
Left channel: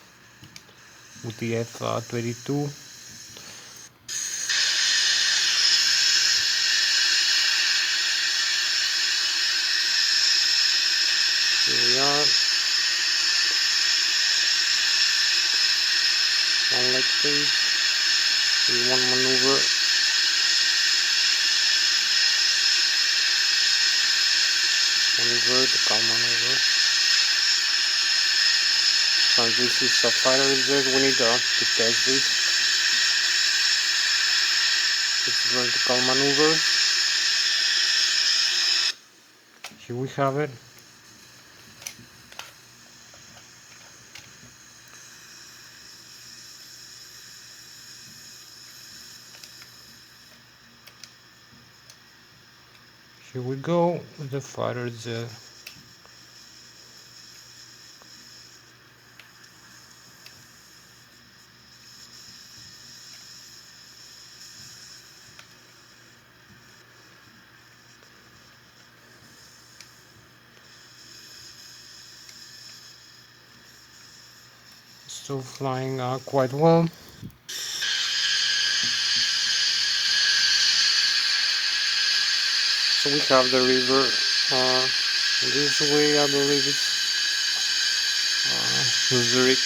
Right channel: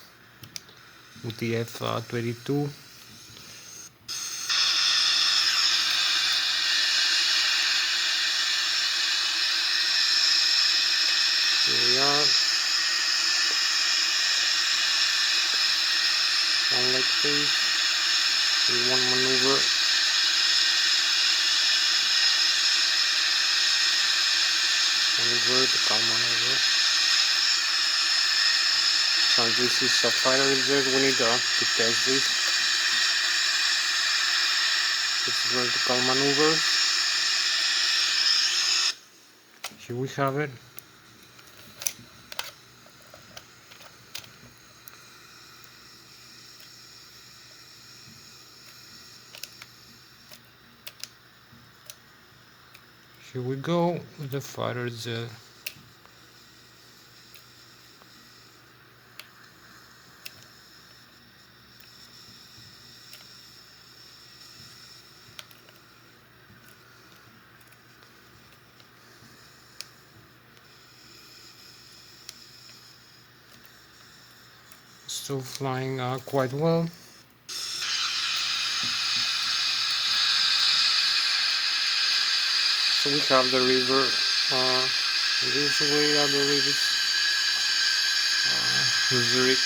with the F-22. Here we are. One like this. In one maneuver. One vertical maneuver. So this is a fighter jet. We need to test this. It's vertical maneuvers. Here we have it. Here we go with the fighter jet. Still flying quite well. So we have the river this way. I believe it's Zurich.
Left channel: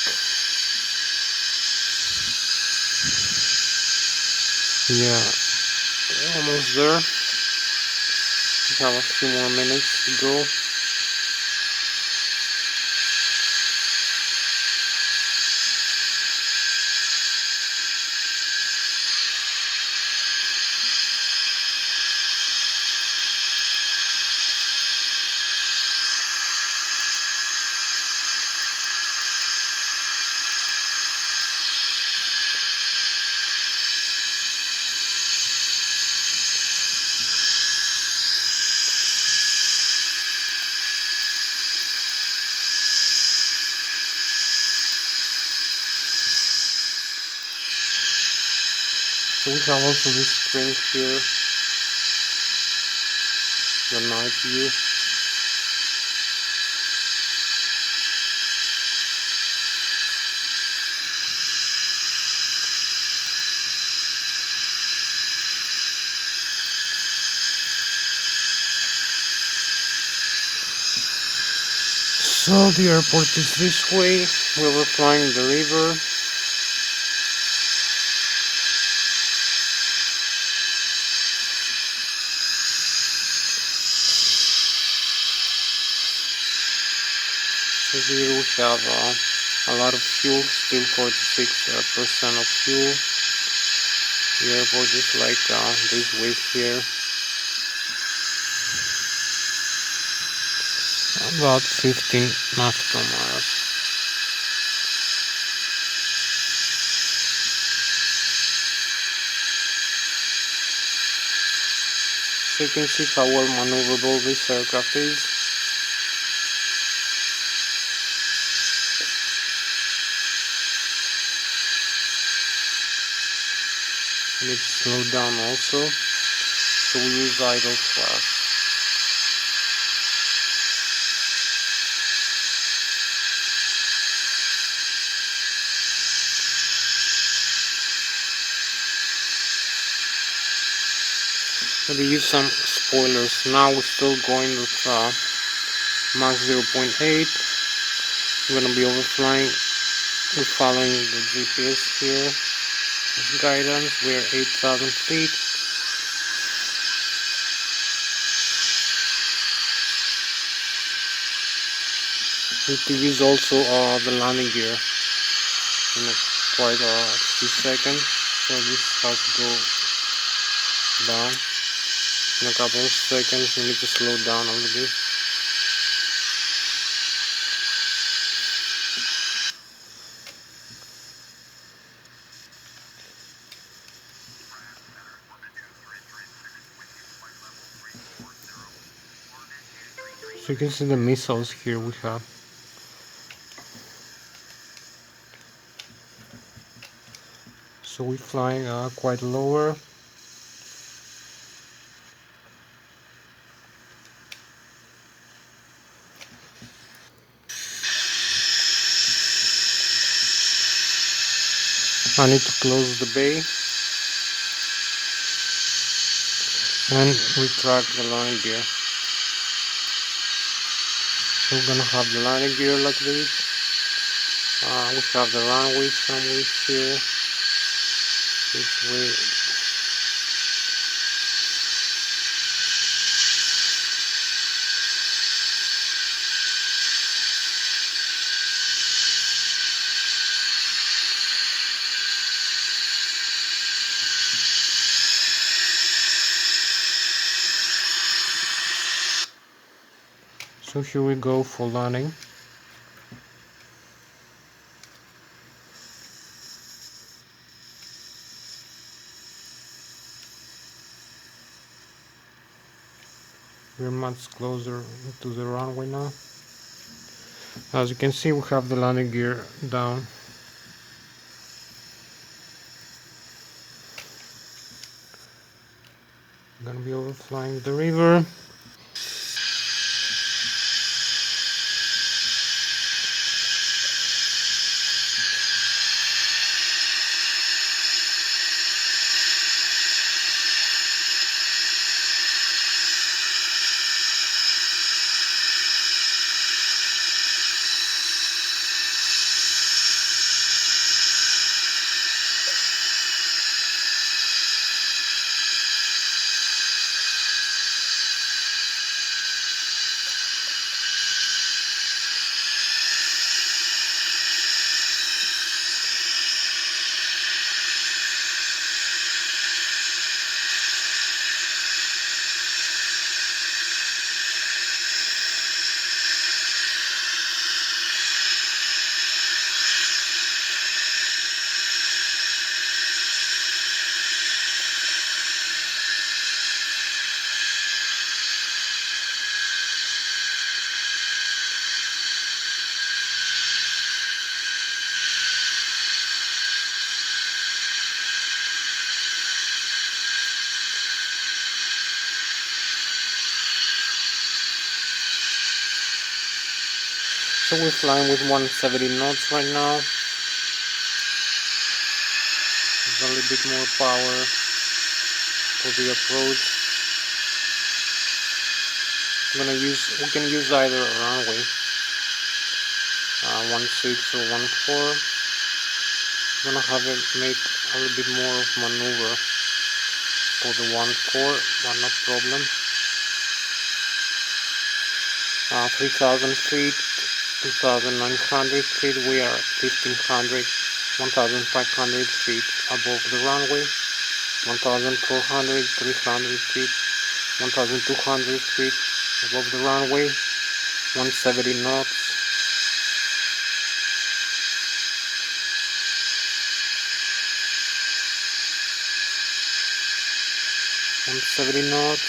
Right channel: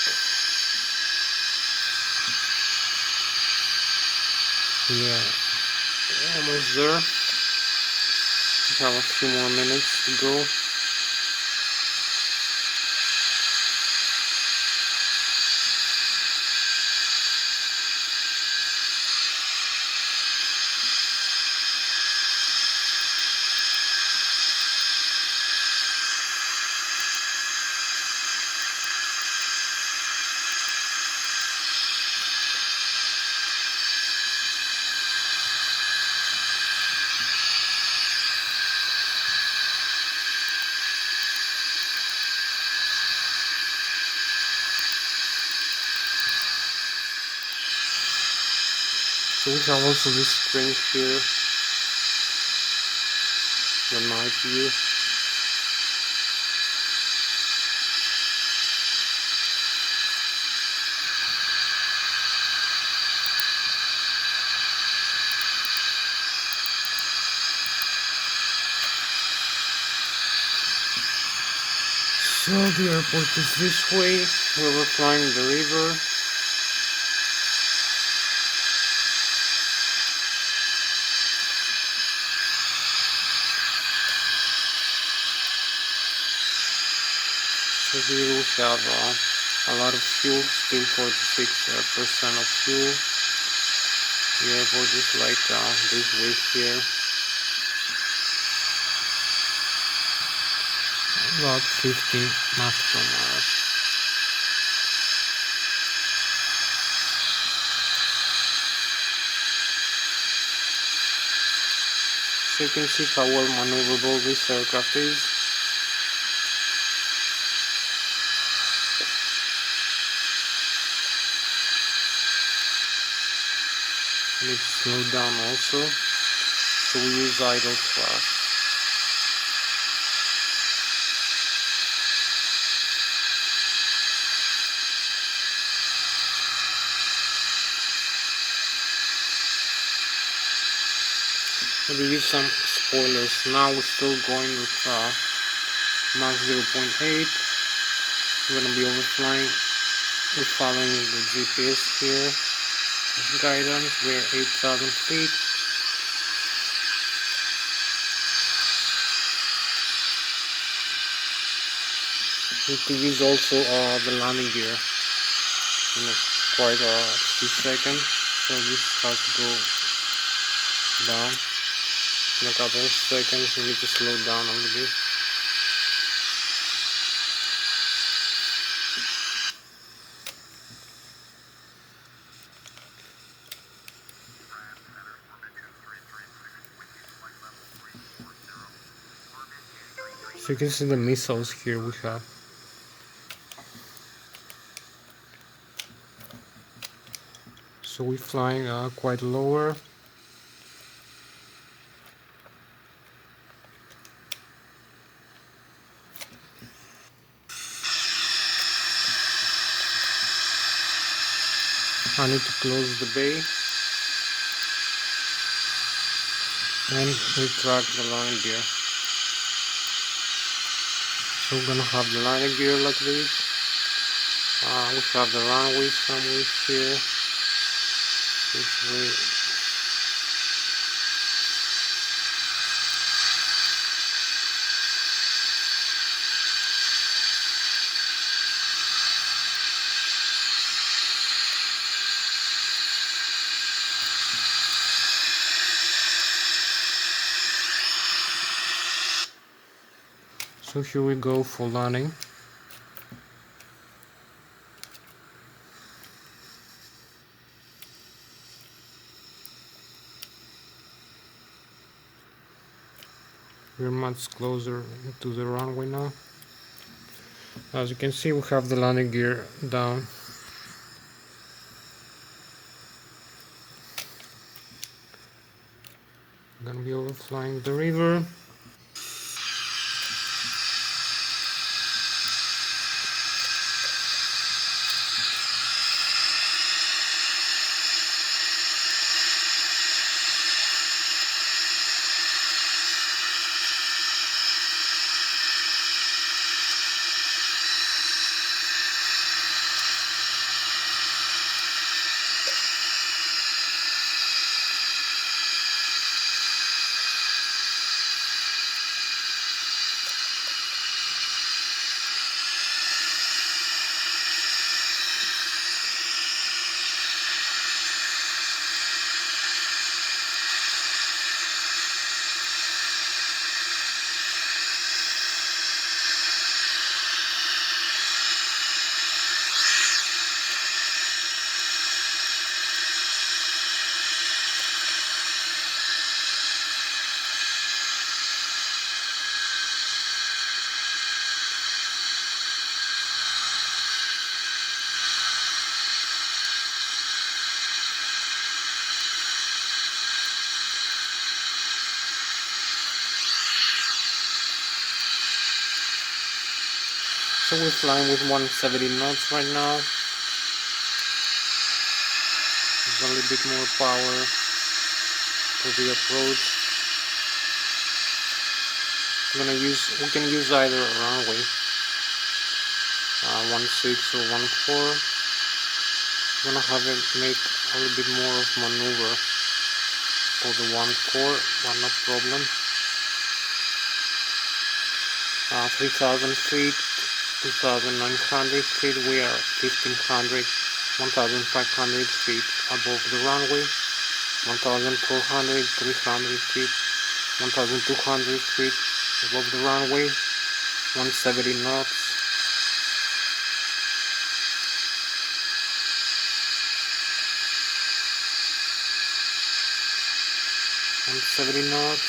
Yeah, almost there. We have a few more minutes to go. So we have also this screen here, the night view. So the airport is this way, where we're flying the river. So here we have a lot of fuel, still 46% of fuel. The airport is like this way here. About 15 nautical miles. So you can see how well maneuverable this aircraft is. And it's slowed down also, so we use idle thrust. We use some spoilers. Now we're still going with Mach 0.8. We're gonna be overflying. We're following the GPS here. Guidance. We're 8,000 feet. We need to use also the landing gear in quite a few seconds. So this has to go down. In a couple of seconds, we need to slow down a little bit. So you can see the missiles here we have. So we're flying quite lower. I need to close the bay and retract the landing gear. So we're gonna have the landing gear like this. We have the runway somewhere here. This way. So here we go for landing. We're much closer to the runway now. As you can see, we have the landing gear down. I'm gonna be overflying the river. So we're flying with 170 knots right now. There's a little bit more power for the approach. We can use either runway. 1.6 or 1.4. I'm gonna have it make a little bit more of maneuver for the 1.4, but no problem. 3,000 feet, 2,900 feet, we are 1,500, 1,500 feet above the runway, 1,400, 300 feet, 1,200 feet above the runway, 170 knots, 170 knots,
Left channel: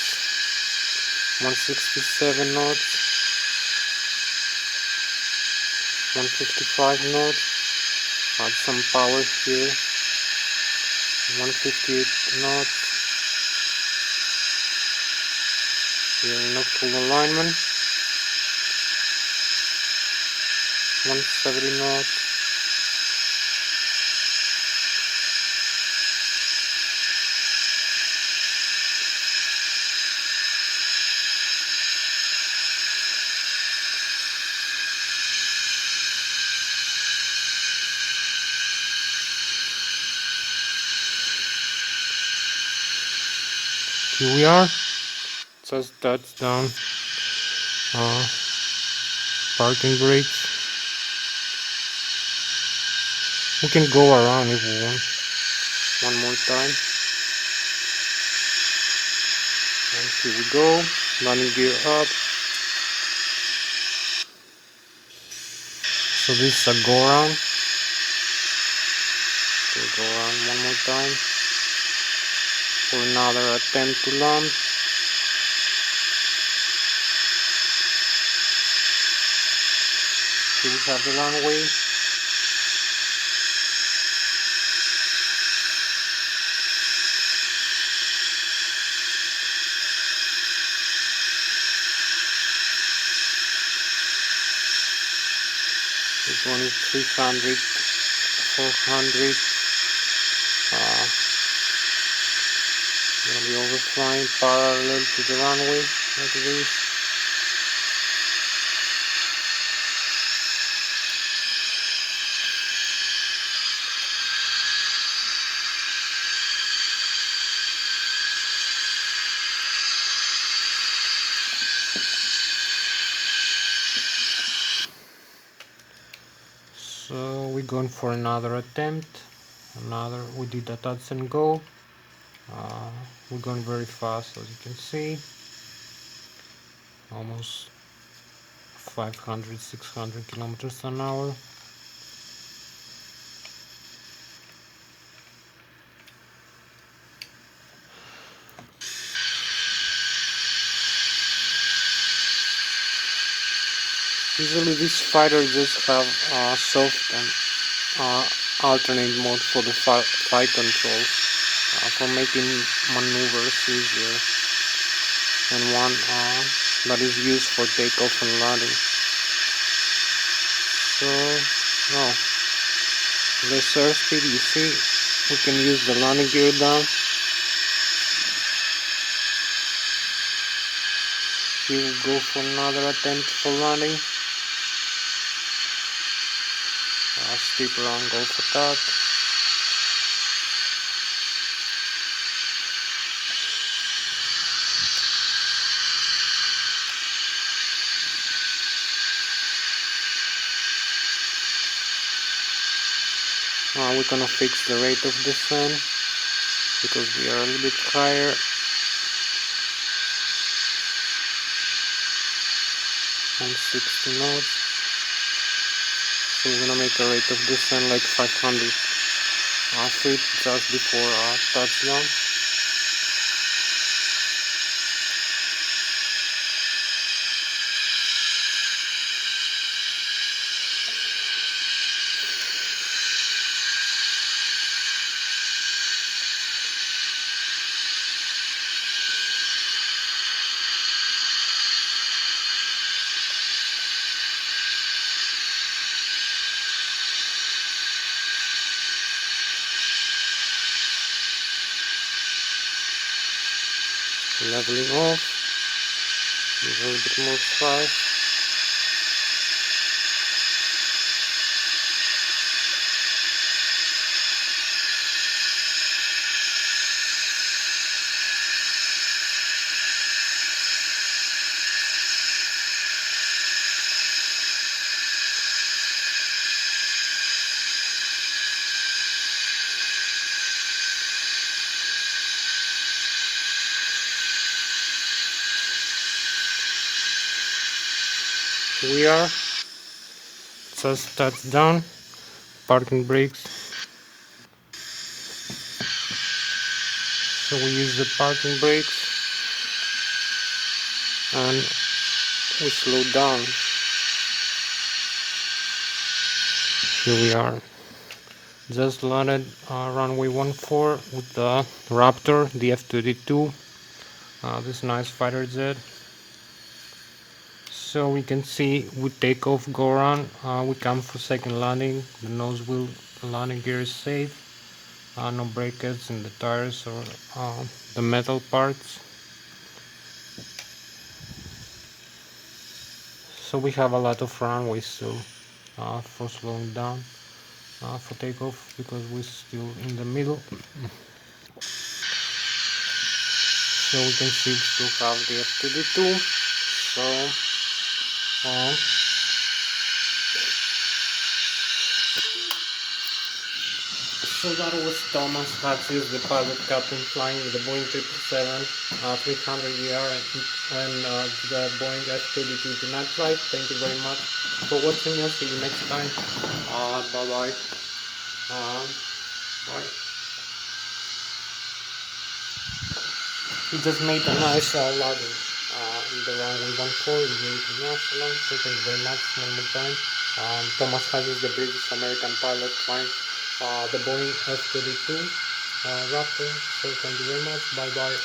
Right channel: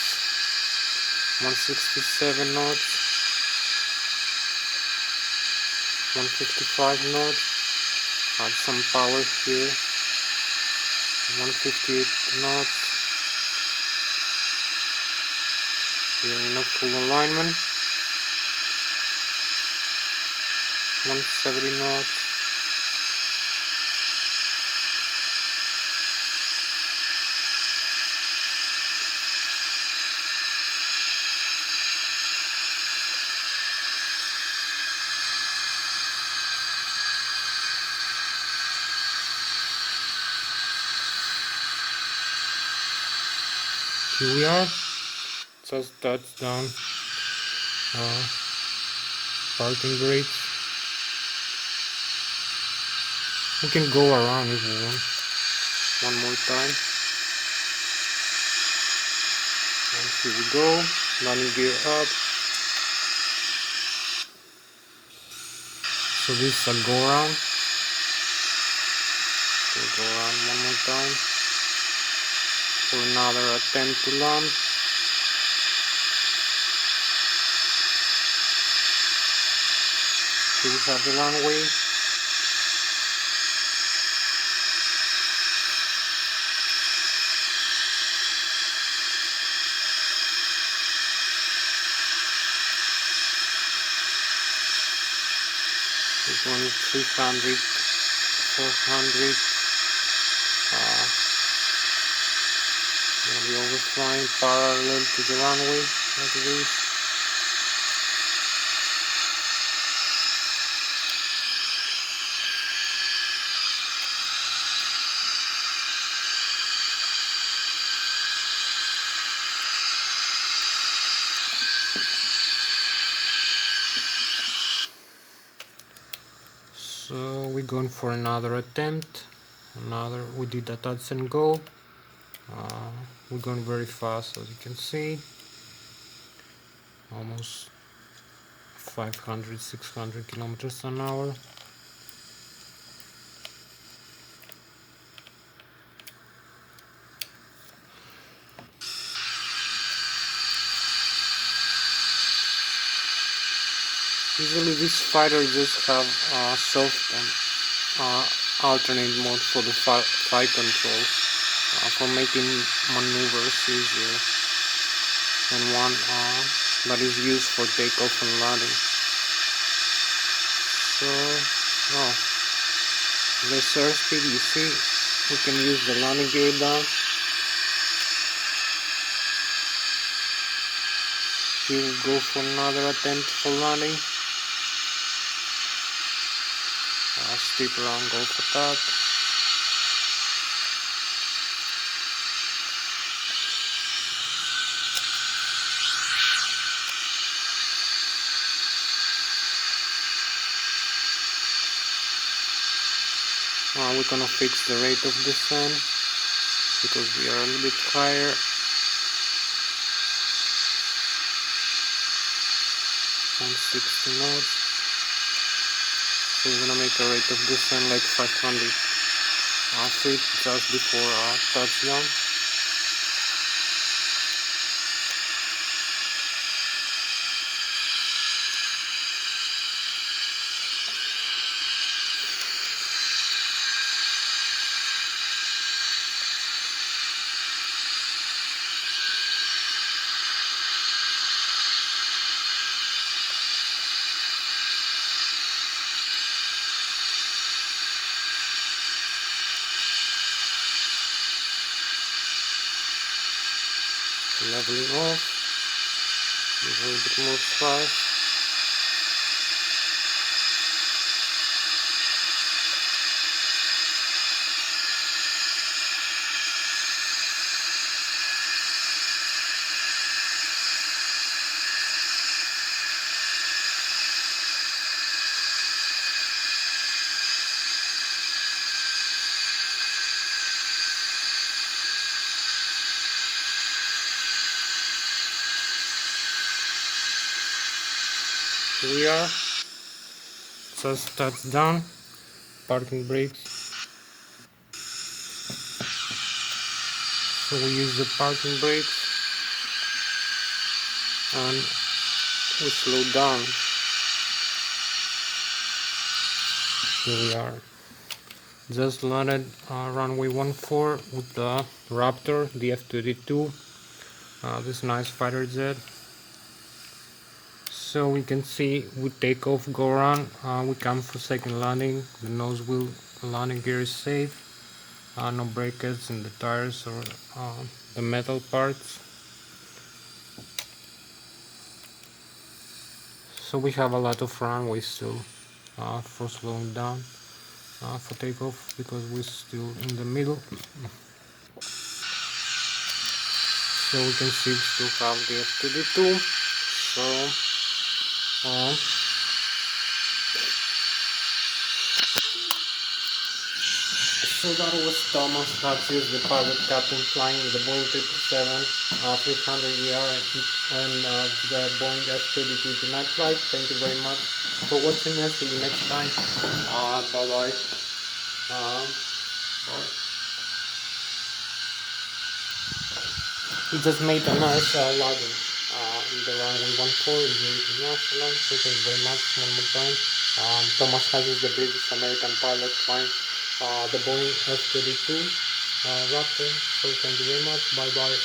167 knots, 155 knots, add some power here, 158 knots, we are in a full alignment, 170 knots, here we are, just touchdown, parking brakes. We can go around if we want. One more time. And here we go. Landing gear up. So this is a go around. We'll go around one more time for another attempt to land. Here we have the runway. We're going 300, 400. Gonna be overflying parallel to the runway like this. So we're going for another attempt. We did a touch and go. We're going very fast, as you can see, almost 500, 600 kilometers an hour. Usually these fighters just have soft and alternate mode for the flight control, for making maneuvers easier, and one that is used for takeoff and landing. So, well, less airspeed, you see, we can use the landing gear down. Here we go for another attempt for landing. Steeper angle for that. We're gonna fix the rate of descent because we are a little bit higher. 160 knots. So we're gonna make a rate of descent like 500 feet just before touchdown. Leveling off, a little bit more thrust. we are just touchdown, parking brakes. So we use the parking brakes and we slow down. Here we are. Just landed runway 14 with the Raptor, the F-22, this nice fighter jet. So we can see we take off, go around, we come for second landing. The nose wheel landing gear is safe, no breakage in the tires or the metal parts. So we have a lot of runway still for slowing down for takeoff because we're still in the middle. So we can see we still have the F-22. So that was Thomas Hatsios, the pilot captain flying the Boeing 777-300ER and the Boeing F-32 tonight flight. Thank you very much for watching us. See you next time. Bye bye. Bye. He just made a nice landing in the runway 14 in the international. So thank you very much one more time. Thomas Hatsios, the British American pilot flying the Boeing F-32 Raptor. So thank you very much. Bye bye.